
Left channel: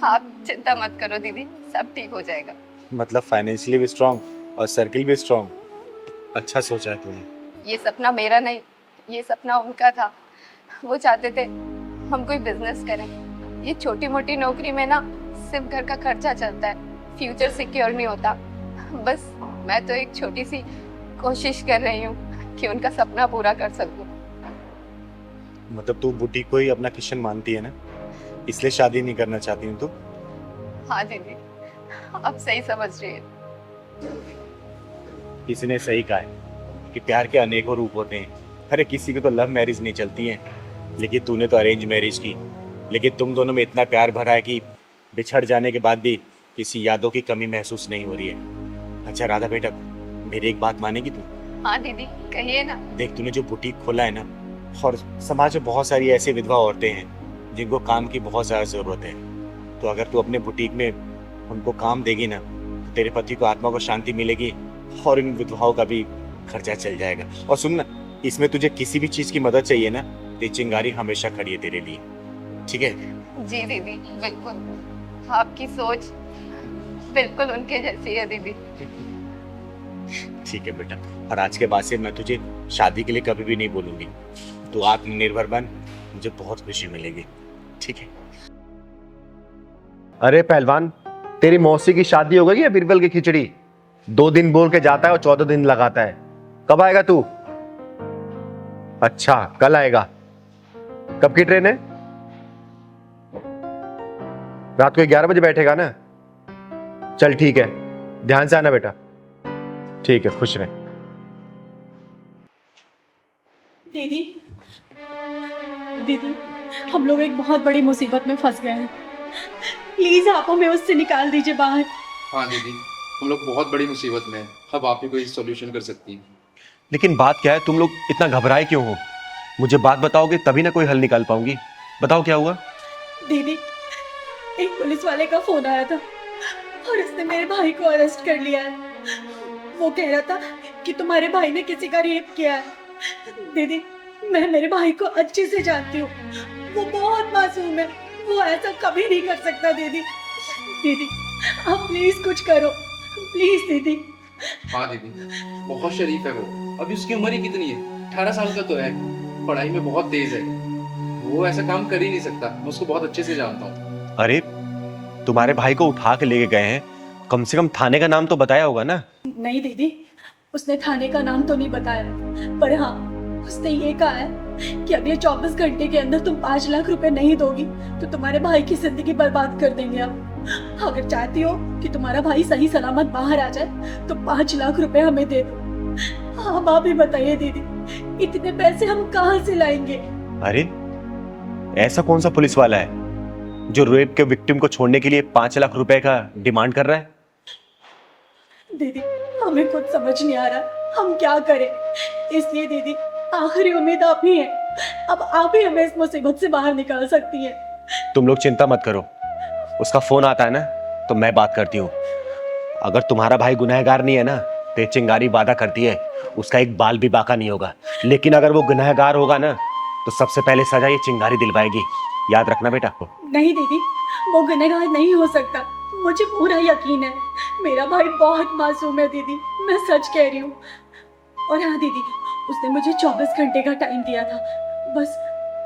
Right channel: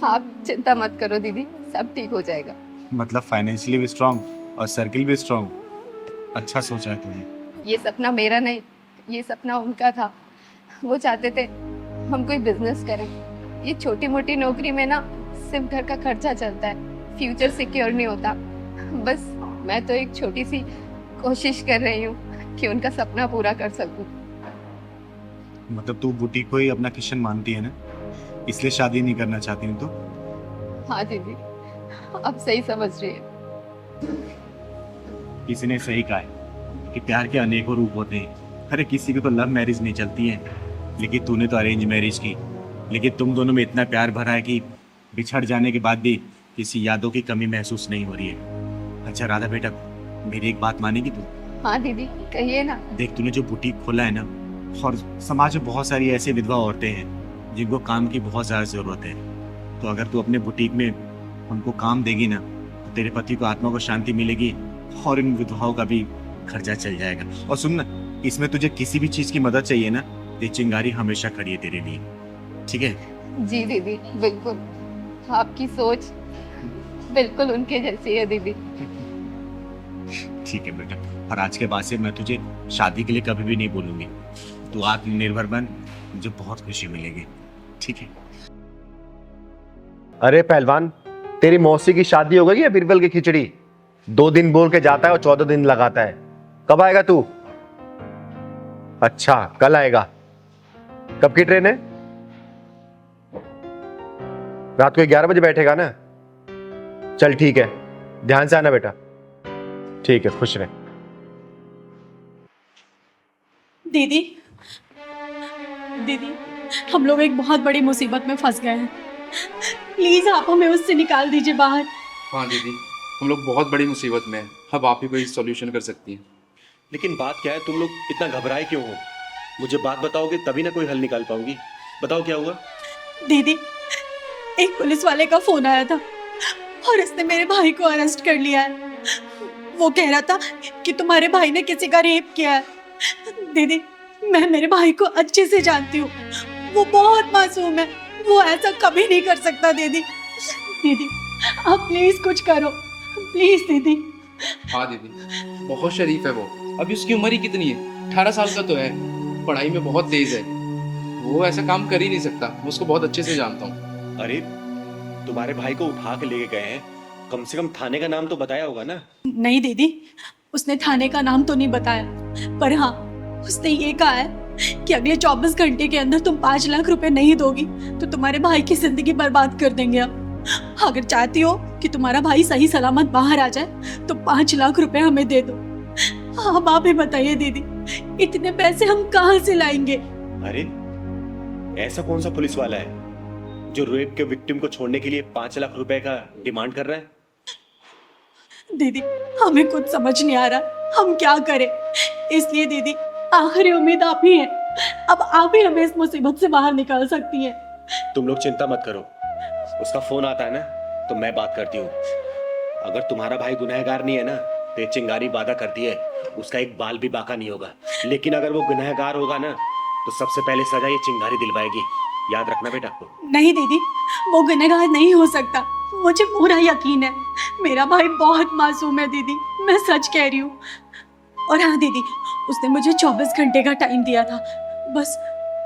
आप चिंता मत करो दीदी, सब ठीक हो जाएगा। मतलब फाइनेंशियली भी स्ट्रांग और सर्किल भी स्ट्रांग। अच्छा सोचा है तुमने। ये सपना मेरा नहीं, ये सपना उनका था। वो चाहते थे हम कोई बिजनेस करें। ये छोटी मोटी नौकरी में ना सिर्फ घर का खर्चा चलता है, फ्यूचर सिक्योर नहीं होता। बस मैं तो एक छोटी सी कोशिश कर रही हूँ कि उनका सपना पूरा कर सकूं। मतलब तू बुटीक को ही अपना किशन मानती है ना, इसलिए शादी नहीं करना चाहती हूँ तो? हाँ दीदी, अब सही समझ रही है। किसी ने सही कहा है कि प्यार के अनेकों रूप होते हैं। अरे किसी की तो लव मैरिज नहीं चलती है, लेकिन तूने तो अरेंज मैरिज की। लेकिन तुम दोनों में इतना प्यार भरा है कि बिछड़ जाने के बाद भी किसी यादों की कमी महसूस नहीं हो रही है। अच्छा राधा बेटा, मेरी एक बात मानेगी तू? हाँ दीदी कहिए ना। देख, तूने जो बुटीक खोला है ना, और समाज में बहुत सारी ऐसी विधवा औरतें हैं जिनको काम की बहुत ज़्यादा ज़रूरत है। तो अगर तू अपने बुटीक में उनको काम देगी ना, तो तेरे पति को आत्मा को शांति मिलेगी, और इन विधवाओं का भी खर्चा चल जाएगा। और सुन ना, इसमें तुझे किसी भी चीज़ की मदद चाहिए ना, तो चिंगारी हमेशा खड़ी है तेरे लिए, ठीक है? जी दीदी बिल्कुल, आपकी सोच बिल्कुल उनके जैसी है दीदी। ठीक है बेटा, और आज के बाद से मैं तुझे शादी के लिए कभी भी नहीं बोलूंगी। तू आत्मनिर्भर बन, मुझे बहुत खुशी मिलेगी, ठीक है? अरे पहलवान, तेरी मौसी की शादी हो गई है बीरबल की खिचड़ी? 2 दिन बोल के जाता है और 14 दिन लगाता है। कब आएगा तू? अच्छा कल आएगा। कब की ट्रेन है? रात को 11 बजे बैठेगा ना? चल ठीक है, ध्यान से आना बेटा। ठीक है, खुश रहे। दीदी, दीदी, हम लोग एक बहुत बड़ी मुसीबत में फंस गए हैं। प्लीज आप हमें उससे निकाल दीजिए बाहर। हाँ दीदी, हम लोग बहुत बड़ी मुसीबत में हैं। अब आप ही कोई सॉल्यूशन कर सकती हैं। लेकिन बात क्या है, तुम लोग इतना घबराए क्यों हो? मुझे बात बताओगे तभी ना कोई हल निकाल पाऊंगी। बताओ क्या हुआ। दीदी, एक पुलिस वाले का फोन आया था और उसने मेरे भाई को अरेस्ट कर लिया है। वो कह रहा था कि तुम्हारे भाई ने किसी का रेप किया है। दीदी, मैं मेरे भाई को अच्छे से जानती हूँ, वो बहुत मासूम है, वो ऐसा कभी नहीं कर सकता। दीदी, दीदी आप प्लीज कुछ करो, प्लीज दीदी। हाँ दीदी, बहुत शरीफ है वो। अभी उसकी उम्र ही कितनी है, 18 साल का तो है। पढ़ाई में बहुत तेज है, वो ऐसा काम कर ही नहीं सकता। मैं उसको बहुत अच्छे से जानता हूँ। अरे तुम्हारे भाई को उठा के लेके गए हैं, कम से कम थाने का नाम तो बताया होगा ना। नहीं दीदी, उसने थाने का नाम तो नहीं बताया, पर हाँ उसने ये कहा है कि अगले 24 घंटे के अंदर तुम 5 लाख रुपए नहीं दोगी तो तुम्हारे भाई की जिंदगी बर्बाद कर देंगे हम। अगर चाहती हो कि तुम्हारा भाई सही सलामत बाहर आ जाए तो 5 लाख रुपए हमें दे दो। अब आप ही बताइए दीदी, इतने पैसे हम कहाँ से लाएंगे? अरे ऐसा कौन सा पुलिस वाला है जो रेप के विक्टिम को छोड़ने के लिए 5 लाख रुपए का डिमांड कर रहा है? दीदी हमें कुछ समझ नहीं आ रहा, हम क्या करें। इसलिए दीदी आखिरी उम्मीद आप ही हैं, अब आप ही हमें इस मुसीबत से बाहर निकाल सकती हैं। तुम लोग चिंता मत करो, उसका फोन आता है ना तो मैं बात करती हूँ। अगर तुम्हारा भाई गुनहगार नहीं है ना तो ये चिंगारी वादा करती है उसका एक बाल भी बाका नहीं होगा, लेकिन अगर वो गुनहगार होगा ना तो सबसे पहले सजा ये चिंगारी दिलवाएगी। याद रखना बेटा। नहीं दीदी, वो गुनहगार नहीं हो सकता, मुझे पूरा यकीन है। मेरा भाई बहुत मासूम है दीदी, मैं सच कह रही हूँ। और हाँ दीदी, उसने मुझे 24 घंटे का टाइम दिया था, बस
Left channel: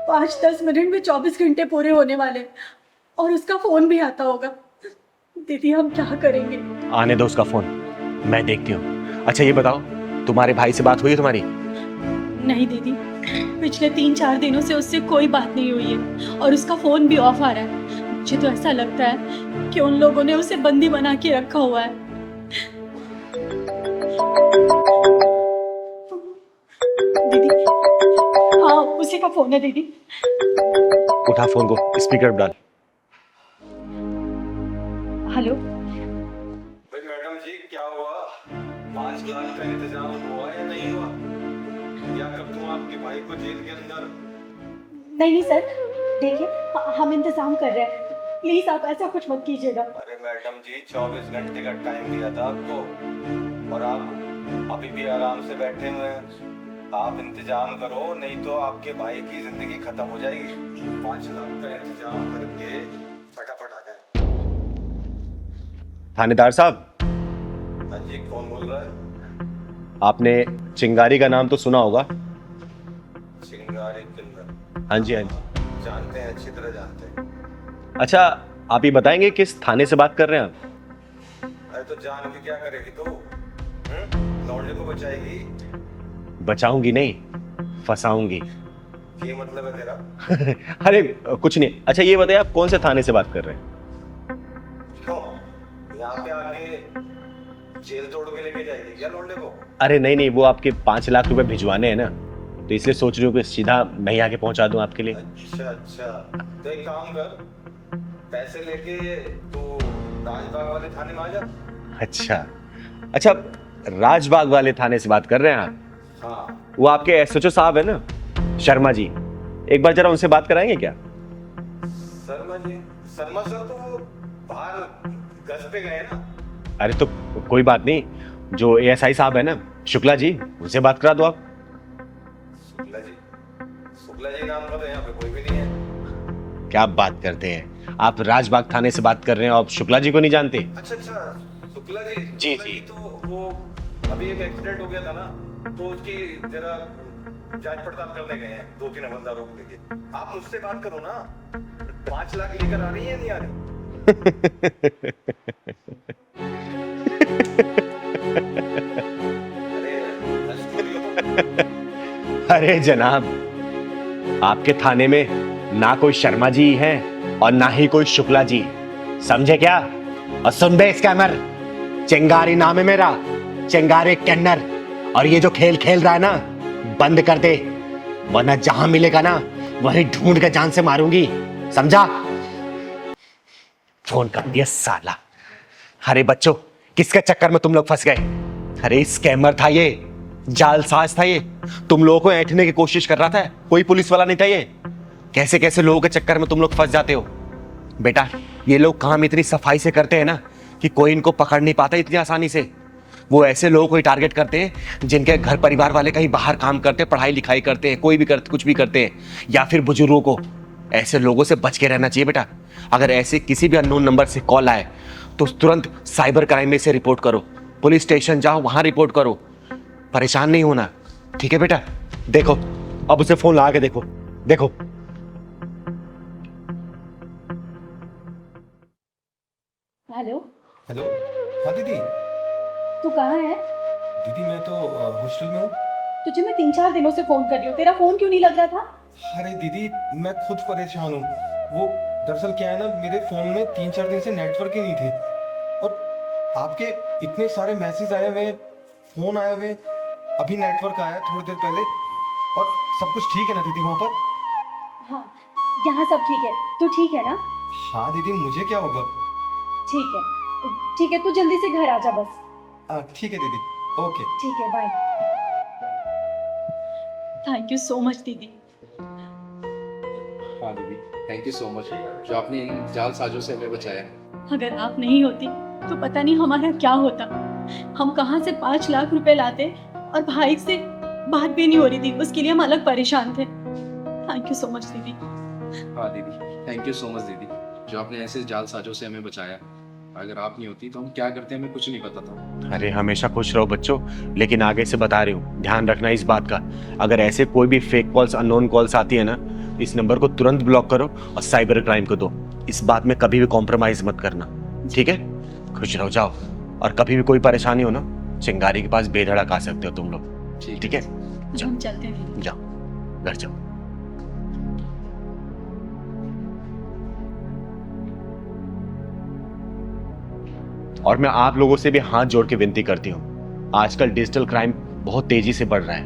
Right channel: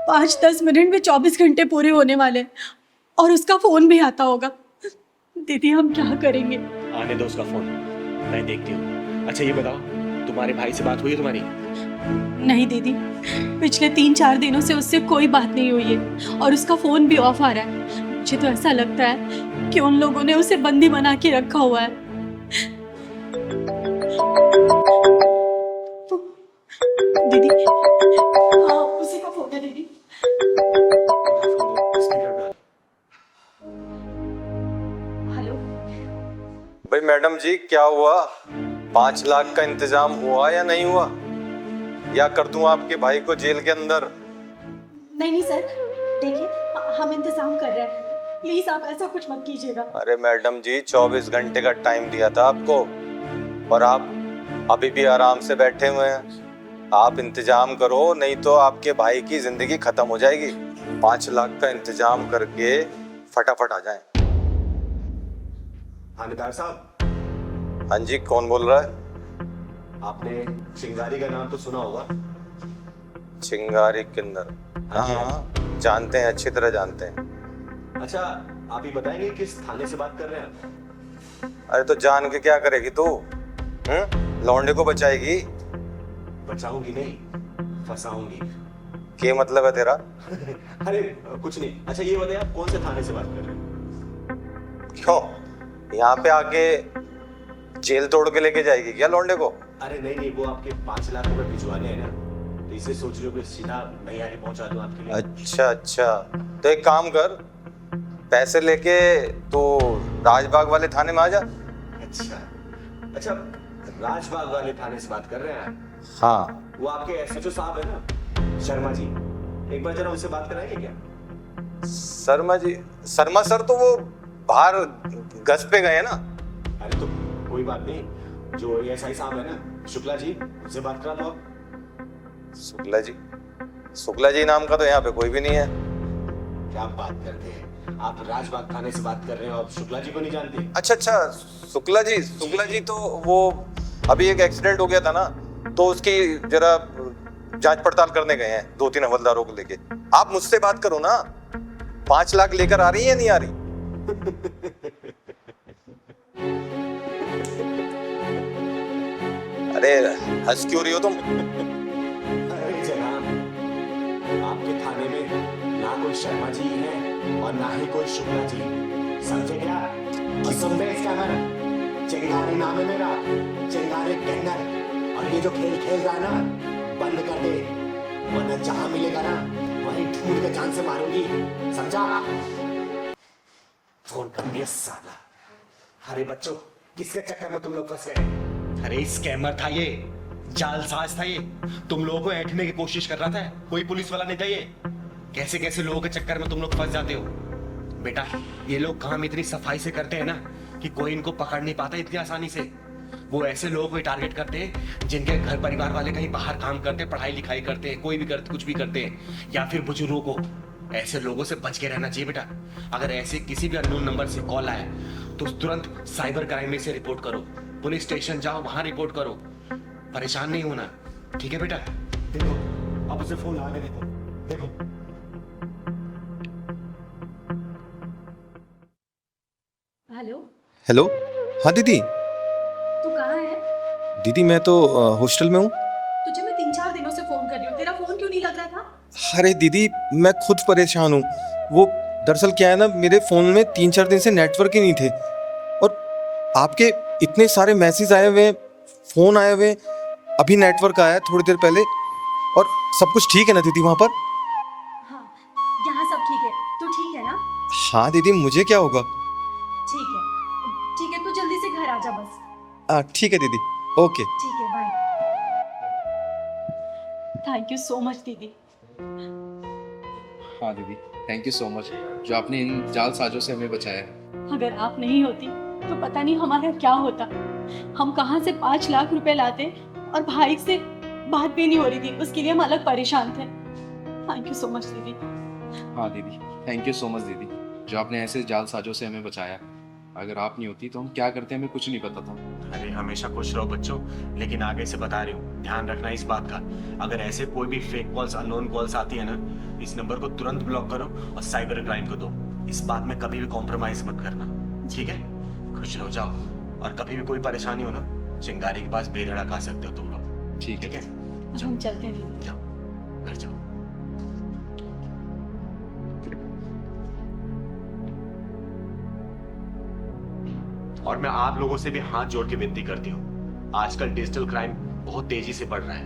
5-10 मिनट में 24 घंटे पूरे होने वाले और उसका फोन भी आता होगा। दीदी हम क्या करेंगे? आने दो उसका फोन, मैं देखती हूँ। अच्छा ये बताओ, तुम्हारे भाई से बात हुई है तुम्हारी? नहीं दीदी, पिछले 3-4 दिनों से उससे कोई बात नहीं हुई है और उसका फोन भी ऑफ आ रहा है। मुझे तो ऐसा लगता है कि उन लोगों ने उसे बंदी बना के रखा हुआ है। दीदी, हाँ उसी का फोन है दीदी। उठा फोन को, स्पीकर डाल। हेलो। भाई मैडम जी, क्या हुआ? 5 लाख का इंतजाम हुआ या नहीं हुआ? या कर दूं आपके भाई को जेल के अंदर? नहीं सर, देखिए हम इंतजाम कर रहे हैं, प्लीज आप ऐसा कुछ मत कीजिएगा। अरे मैडम जी, 24 घंटे का टाइम दिया था आपको और आप अभी भी आराम से बैठे हुए हैं। आप इंतजाम करो, नहीं तो आपके भाई की जिंदगी खत्म हो जाएगी। 5 लाख का इंतजाम करके फटाफट आ जाएं। थानेदार साहब। हाँ जी, कौन बोल रहा है? आपने चिंगारी का नाम तो सुना होगा। चिंगारी किन्नर? हाँ जी, हाँ जी। जानते हैं, अच्छी तरह जानते हैं। अच्छा आप ये बताएंगे किस थाने से बात कर रहे हैं आप? अरे तो जान के क्या करेगी तू? लौंडे को बचाएगी? बचाऊंगी नहीं, फंसाऊंगी। क्या मतलब है तेरा? अरे कुछ नहीं। अच्छा ये बताइए आप कौन से थाने से बात कर रहे हैं? क्यों, यहाँ पे आके जेल तोड़ के लेके जाएगी क्या लौंडे को? अरे नहीं नहीं, वो आपके 5 लाख रुपए भिजवाने हैं ना, तो इसलिए सोच रही हूँ कि सीधा मैं ही आके पहुंचा दूं आपके लिए। अच्छा अच्छा, तो एक काम कर, पैसे लेके तो राजबाग वाले थाने में आ जा। अच्छा अच्छा, राजबाग वाले थाने से बात कर रहे हैं आप? हाँ। वो आपके एसएचओ साहब है ना, शर्मा जी, एक बार जरा उनसे बात कराएंगे क्या? शर्मा जी? शर्मा सर तो वो बाहर गश्त पे गए ना। अरे तो कोई बात नहीं, जो एएसआई साहब है ना, शुक्ला जी, उनसे बात करा दो आप। शुक्ला जी? शुक्ला जी नाम का तो यहाँ पे कोई भी नहीं है। क्या बात करते हैं आप? राजबाग थाने से बात कर रहे हैं और आप शुक्ला जी को नहीं जानते? अच्छा अच्छा, शुक्ला जी, शुक्ला जी तो वो अभी एक एक्सीडेंट हो गया था ना, तो उसकी जरा जांच पड़ताल करने गए हैं 2-3 हवलदारों को लेके। आप मुझसे बात करो ना। 5 लाख लेकर आ रही है या नहीं आ रही? अरे हंस क्यों रही हो तुम? अरे जनाब, आपके थाने में ना कोई शर्मा जी है और ना ही कोई शुक्ला जी, समझे क्या? और सुन बे स्कैमर, चिंगारी नाम है मेरा, चिंगारी किन्नर। और ये जो खेल खेल रहा है ना, बंद कर दे, वरना जहां मिलेगा ना वहीं ढूंढ कर जान से मारूंगी, समझा? फोन कर दिया साला। अरे बच्चों, किसके चक्कर में तुम लोग फंस गए? अरे स्कैमर था ये, जालसाज था ये, तुम लोगों को ऐंठने की कोशिश कर रहा था, कोई पुलिस वाला नहीं था ये। कैसे कैसे लोगों के चक्कर में तुम लोग फंस जाते हो। बेटा ये लोग काम इतनी सफाई से करते हैं ना कि कोई इनको पकड़ नहीं पाता इतनी आसानी से। वो ऐसे लोगों को ही टारगेट करते हैं जिनके घर परिवार वाले कहीं बाहर काम करते हैं, पढ़ाई लिखाई करते हैं, कोई भी करते, कुछ भी करते हैं, या फिर बुजुर्गों को। ऐसे लोगों से बच के रहना चाहिए बेटा। अगर ऐसे किसी भी अननोन नंबर से कॉल आए तो तुरंत साइबर क्राइम में से रिपोर्ट करो, पुलिस स्टेशन जाओ, वहां रिपोर्ट करो। परेशान नहीं होना, ठीक है बेटा। देखो अब उसे फोन लगा के देखो, देखो। Hello, hello. हाँ दीदी। तू कहाँ है? दीदी मैं तो हॉस्टल में हूँ। तुझे मैं 3-4 दिनों से फोन कर रही हूँ, तेरा फोन क्यों नहीं लग रहा था? अरे दीदी मैं खुद परेशान हूँ। वो दरअसल क्या है ना, मेरे फ़ोन में 3-4 दिन से नेटवर्क ही नहीं थे, और आपके इतने सारे मैसेज आए हुए, फ़ोन आए हुए, अभी नेटवर्क आया थोड़ी देर पहले। और सब कुछ ठीक है ना दीदी वहाँ पर? हाँ, यहाँ सब ठीक है। तू ठीक है ना? हाँ दीदी, मुझे क्या होगा? ठीक है, ठीक है, तू जल्दी से घर आ जा बस। ठीक है दीदी, ओके। ठीक है, bye. Thank you so much दीदी। हाँ दीदी, थैंक यू सो मच जो आपने इन जालसाजों से हमें बचाया। अगर आप नहीं होती तो पता नहीं हमारा क्या होता। हम कहाँ से 5 लाख रुपए लाते, और भाई से बात भी नहीं हो रही थी, उसके लिए हम अलग परेशान थे। थैंक यू सो मच दीदी। हाँ दीदी, थैंक यू सो मच दीदी जो आपने ऐसे जालसाजों से हमें बचाया। अगर आप नहीं होती तो हम क्या करते हमें कुछ नहीं पता था। अरे हमेशा खुश रहो बच्चों, लेकिन आगे से बता रही हूँ ध्यान रखना इस बात का। अगर ऐसे कोई भी फेक कॉल्स, अननोन कॉल्स आती है ना, इस नंबर को तुरंत ब्लॉक करो और साइबर क्राइम को दो। इस बात में कभी भी कॉम्प्रोमाइज मत करना, ठीक है? खुश रहो, जाओ। और कभी भी कोई परेशानी हो ना, चिंगारी के पास बेधड़क आ सकते हो तुम लोग, ठीक है? हम चलते हैं दीदी। जाओ, घर जाओ। और मैं आप लोगों से भी हाथ जोड़ के विनती करती हूँ, आजकल डिजिटल क्राइम बहुत तेजी से बढ़ रहा है।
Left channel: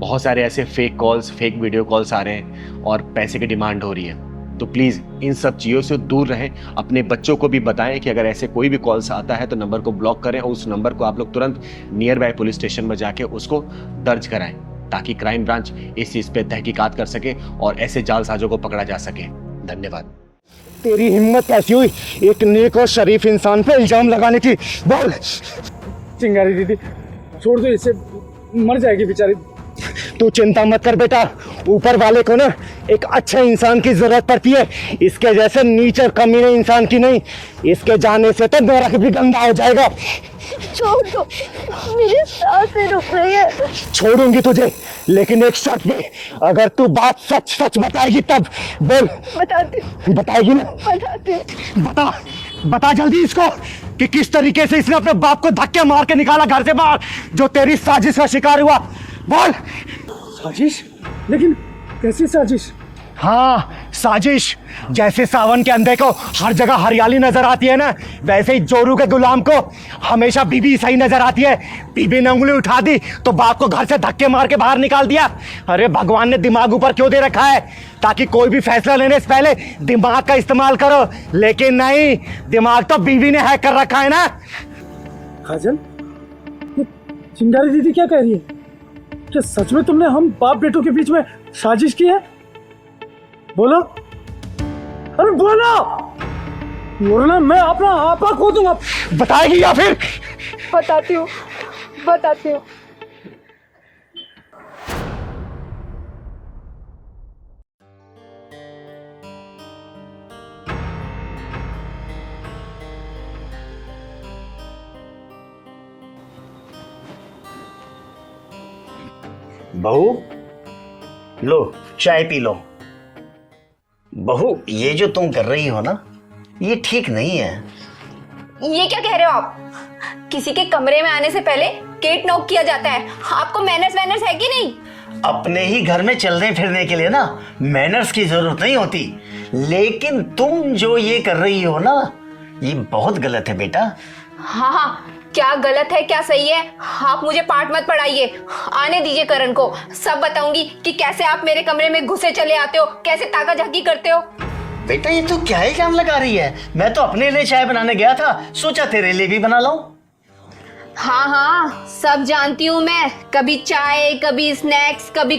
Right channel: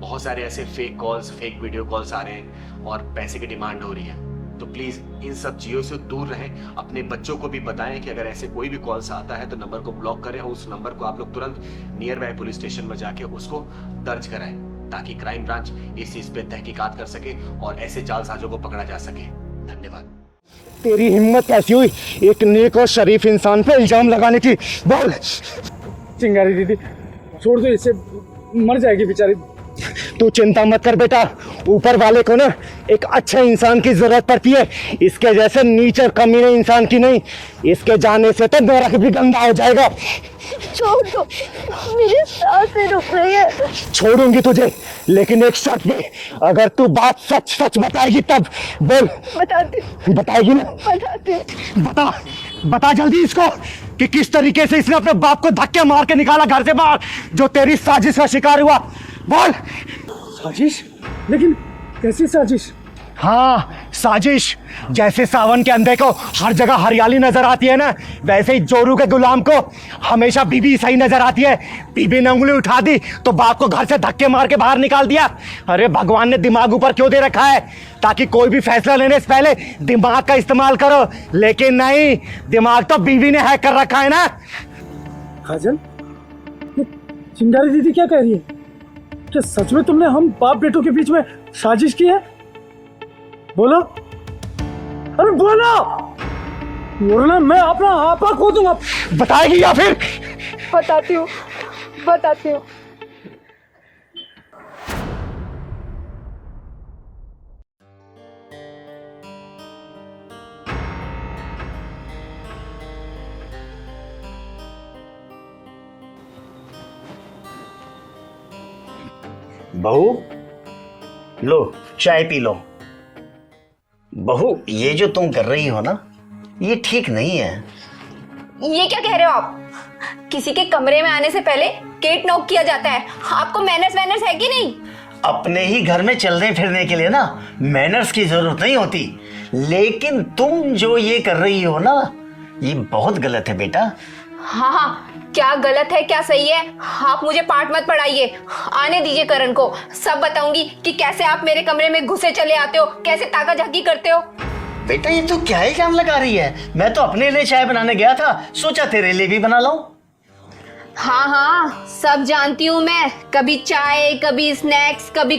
बहुत सारे ऐसे fake calls, fake video calls आ रहे हैं और पैसे की डिमांड हो रही है। तो प्लीज इन सब चीजों से दूर रहें। अपने बच्चों को भी बताएं कि अगर ऐसे कोई भी कॉल्स आता है तो नंबर को ब्लॉक करें, और उस नंबर को आप लोग तुरंत नियर बाय पुलिस स्टेशन में जाके उसको दर्ज कराएं, ताकि क्राइम ब्रांच इस चीज पे तहकीकात कर सके और ऐसे जालसाजों को पकड़ा जा सके। धन्यवाद। तेरी हिम्मत कैसी हुई एक नेक और शरीफ इंसान पे इल्जाम लगाने की? बोल। चिंगारी दीदी छोड़ दो इसे, मर जाएगी बेचारी। तू चिंता मत कर बेटा, ऊपर वाले को ना एक अच्छे इंसान की जरूरत पड़ती है, इसके जैसे नीच और कमीने इंसान की नहीं। इसके जाने से तो नरक भी गंदा हो जाएगा। छोड़ दो, मेरी सांसें रुक रही है। छोड़ूंगी तुझे, लेकिन एक शर्त पे, अगर तू बात सच सच बताएगी तब। बोल। बताती। बताएगी ना? बताती। बता, बता जल्दी इसको कि किस तरीके से इसने अपने बाप को धक्के मार के निकाला घर से बाहर, जो तेरी साजिश का शिकार हुआ। बोल। साजिश? लेकिन कैसी साजिश? हाँ, साजिश। जैसे सावन के अंधे को हर जगह हरियाली नजर आती है ना, वैसे ही जोरू के गुलाम को हमेशा बीबी सही नजर आती है। बीबी ने उंगली उठा दी तो बाप को घर से धक्के मार के बाहर निकाल दिया। अरे भगवान ने दिमाग ऊपर क्यों दे रखा है? ताकि कोई भी फैसला लेने से पहले दिमाग का इस्तेमाल करो, लेकिन नहीं, दिमाग तो बीवी ने हैक कर रखा है ना। काजल, ये चिंगारी दीदी क्या कह रही है? क्या सच में तुमने हम बाप बेटों के बीच में साजिश की है? बोलो, अरे बोलो, वरना मैं अपना आपा खो दूंगा। बताएगी या फिर? बताती हूँ, बताती हूँ। बहू लो चाय पी लो। बहू ये जो तुम कर रही हो ना, ये ठीक नहीं है। ये क्या कह रहे हो आप? किसी के कमरे में आने से पहले गेट नॉक किया जाता है। आपको मैनर्स है कि नहीं? अपने ही घर में चलने फिरने के लिए ना मैनर्स की जरूरत नहीं होती, लेकिन तुम जो ये कर रही हो ना, ये बहुत गलत है बेटा। हाँ, क्या गलत है क्या सही है, आप मुझे पाठ मत पढ़ाइए। आने दीजिए करण को, सब बताऊंगी कि कैसे आप मेरे कमरे में घुसे चले आते हो, कैसे ताका झाकी करते हो। बेटा ये तो क्या इल्जाम लगा रही है? मैं तो अपने लिए चाय बनाने गया था, सोचा तेरे लिए भी बना लाऊं। हाँ हाँ, सब जानती हूँ मैं। कभी चाय, कभी स्नैक्स, कभी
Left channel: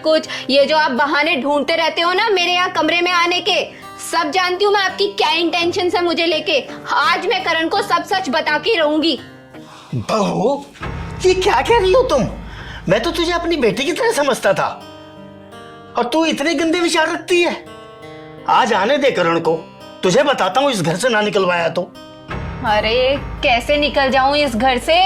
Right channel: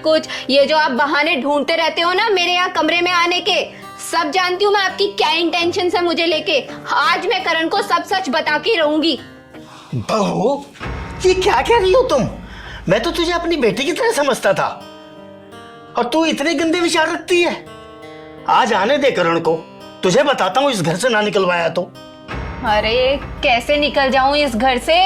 कुछ। ये जो आप बहाने ढूंढते रहते हो ना मेरे यहाँ कमरे में आने के, सब जानती हूँ मैं आपकी क्या इंटेंशन है मुझे लेके। आज मैं करण को सब सच बता के रहूंगी। बहू, ये क्या कह रही हो तुम? मैं तो तुझे अपनी बेटी की तरह समझता था और तू इतने गंदे विचार रखती है। आज आने दे करण को, तुझे बताता हूँ इस घर से ना निकलवाया तो। अरे कैसे निकल जाऊं इस घर से?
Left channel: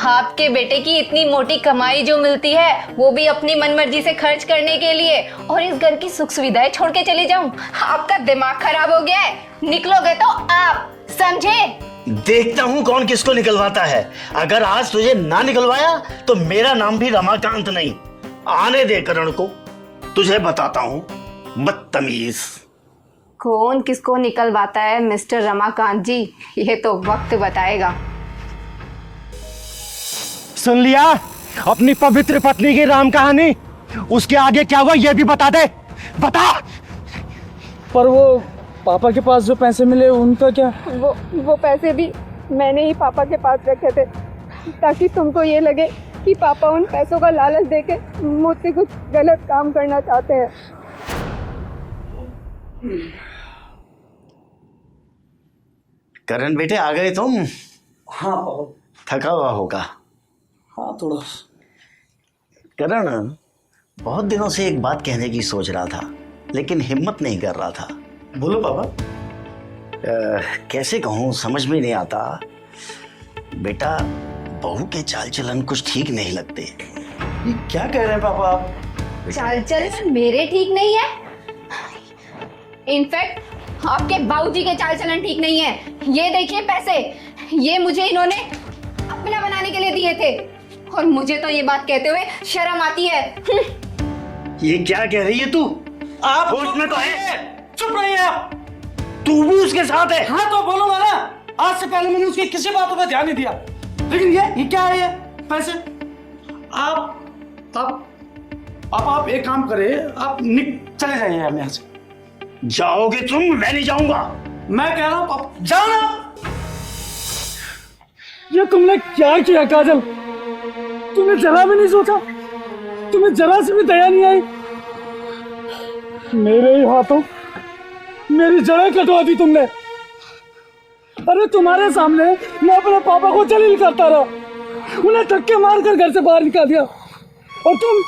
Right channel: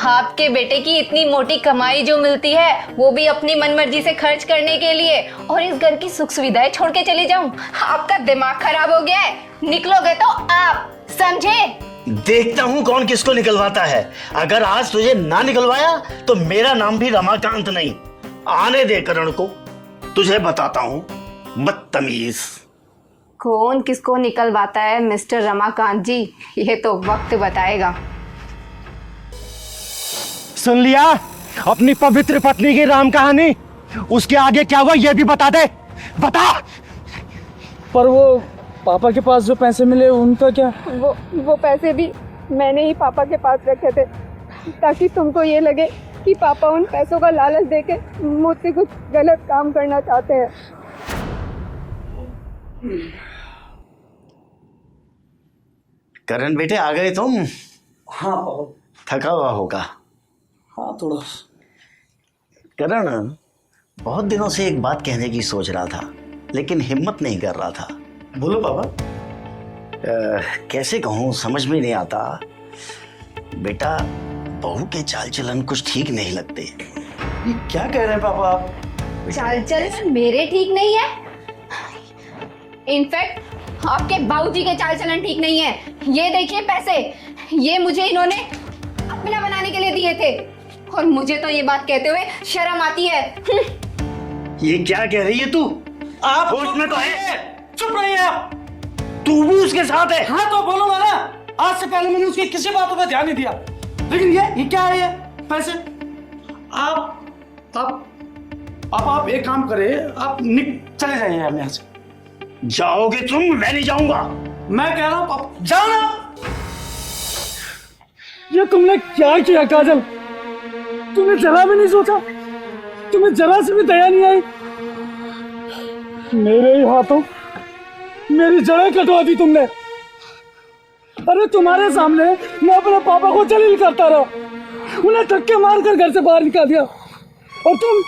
आपके बेटे की इतनी मोटी कमाई जो मिलती है वो भी अपनी मनमर्जी से खर्च करने के लिए, और इस घर की सुख सुविधाएं छोड़ के चली जाऊं? आपका दिमाग खराब हो गया है। निकलोगे तो आप, समझे? देखता हूँ कौन किसको निकलवाता है। अगर आज तुझे ना निकलवाया तो मेरा नाम भी रमाकांत नहीं। आने दे करण को, तुझे बताता हूँ, बदतमीज। कौन किसको निकलवाता है मिस्टर रमाकांत जी, ये तो वक्त बताएगा। सुन लिया अपनी पवित्र पत्नी की राम कहानी? उसके आगे क्या हुआ ये भी बता दे, बता। पर वो पापा के पास जो पैसे मिले उनका क्या? वो पैसे भी मैंने ही पापा के पास रखे थे, ताकि तुमको ये लगे कि पापा उन पैसों का लालच देके मुझसे कुछ गलत काम करना चाहते हैं। करण बेटे, आ गए तुम? हाँ थका हुआ होगा। हाँ थोड़ा। करण, बहुत दिनों से एक बात कहने की सोच रहा था लेकिन हिम्मत नहीं कर रहा था। बोलो पापा। कैसे कहूँ, समझ में नहीं आता। बेटा, बहू के चाल चलन कुछ ठीक नहीं लगते। ये क्या कह रहे हैं पापा आप? चाल चलन मेरे ठीक नहीं है। इनफैक्ट आपके बाबूजी के चाल चलन ठीक नहीं है। ये देखिए पैसे, ये मुझे इन्होंने अपना बनाने के लिए दिए थे, और मुझे तो ये बात कहते हुए शर्म आती है। ये क्या कह रही है तू? आप होश में तो है? चुप रहिए आप। तू भी उसके साथ है? हाँ तो बोलूंगा ना। आज से पहले मैंने उसकी किसी बातों पे ध्यान नहीं दिया, लेकिन ये क्या है ये पैसे? आप एक काम करें, आप चले जाइए यहाँ से। जाओगे तुम? मैं नहीं जाऊंगा। मैं कह रहा हूँ आप जाओ ना। ये तुमने क्या किया काजल? तुमने जरा भी नहीं सोचा? तुम्हें जरा से भी दया नहीं आई? मेरे ही हाथों मेरी जड़ें कटवा दी तुमने। अरे तुम्हारे सामने मैं अपने पापा को जलील करता रहा, उन्हें धक्के मारकर घर से बाहर निकाल दिया, और तुम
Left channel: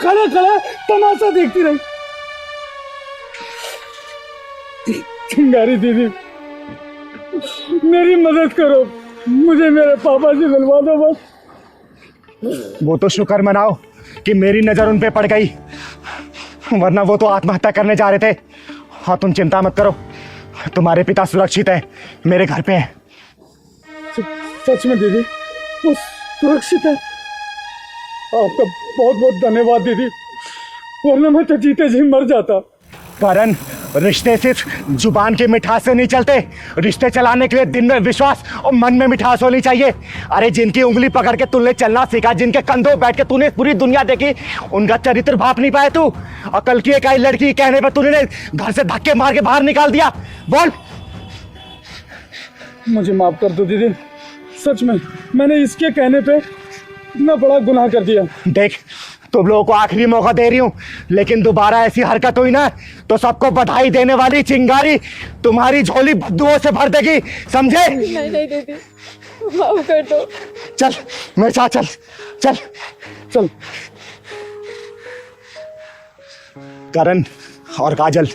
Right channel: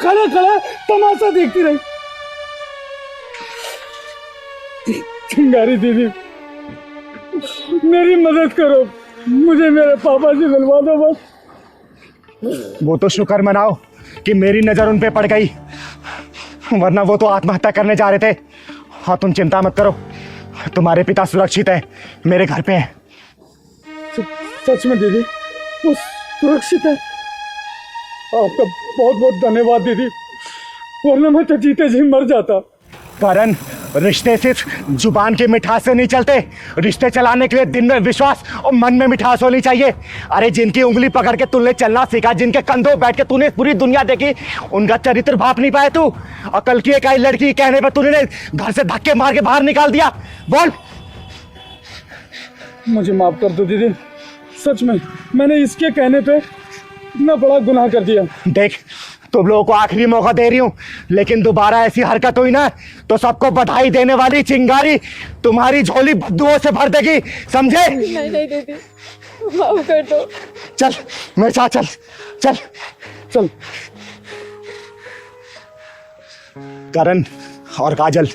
खड़े खड़े तमाशा देखती रही। चिंगारी दीदी, मेरी मदद करो, मुझे मेरे पापा से मिलवा दो बस। वो तो शुक्र मनाओ कि मेरी नजर उन पे पड़ गई, वरना वो तो आत्महत्या करने जा रहे थे। हाँ, तुम चिंता मत करो, तुम्हारे पिता सुरक्षित हैं, मेरे घर पे हैं। सच में दीदी, वो सुरक्षित है? आपका बहुत बहुत धन्यवाद दीदी, वरना मैं तो जीते जी मर जाता। करण, रिश्ते सिर्फ जुबान की मिठास से नहीं चलते। रिश्ते चलाने के लिए दिन में विश्वास और मन में मिठास होनी चाहिए। अरे जिनकी उंगली पकड़ के तूने चलना सीखा, जिनके कंधों बैठ के तूने पूरी दुनिया देखी, उनका चरित्र भाप नहीं पाया तू। अकल की एक आई लड़की कहने पर तूने घर से धक्के मार के बाहर निकाल दिया। बोल। मुझे माफ कर दो दीदी, सच में मैंने इसके कहने पे इतना बड़ा गुनाह कर दिया। देख, तुम लोगों को आखिरी मौका दे रही हूं, लेकिन दोबारा ऐसी हरकत हुई ना तो सबको बधाई देने वाली चिंगारी तुम्हारी झोली बद्दुओं से भर देगी, समझे? नहीं दीदी, माफ कर दो। चल मेरे साथ चल चल चल। करण और काजल,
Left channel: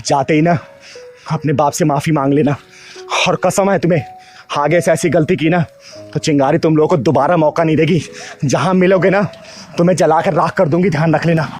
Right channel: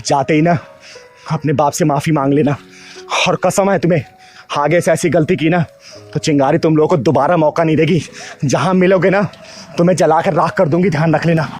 जाते ही ना अपने बाप से माफी मांग लेना, और कसम है तुम्हें, आगे से ऐसी गलती की ना तो चिंगारी तुम लोगों को दोबारा मौका नहीं देगी। जहां मिलोगे ना तुम्हें जलाकर राख कर दूंगी, ध्यान रख लेना।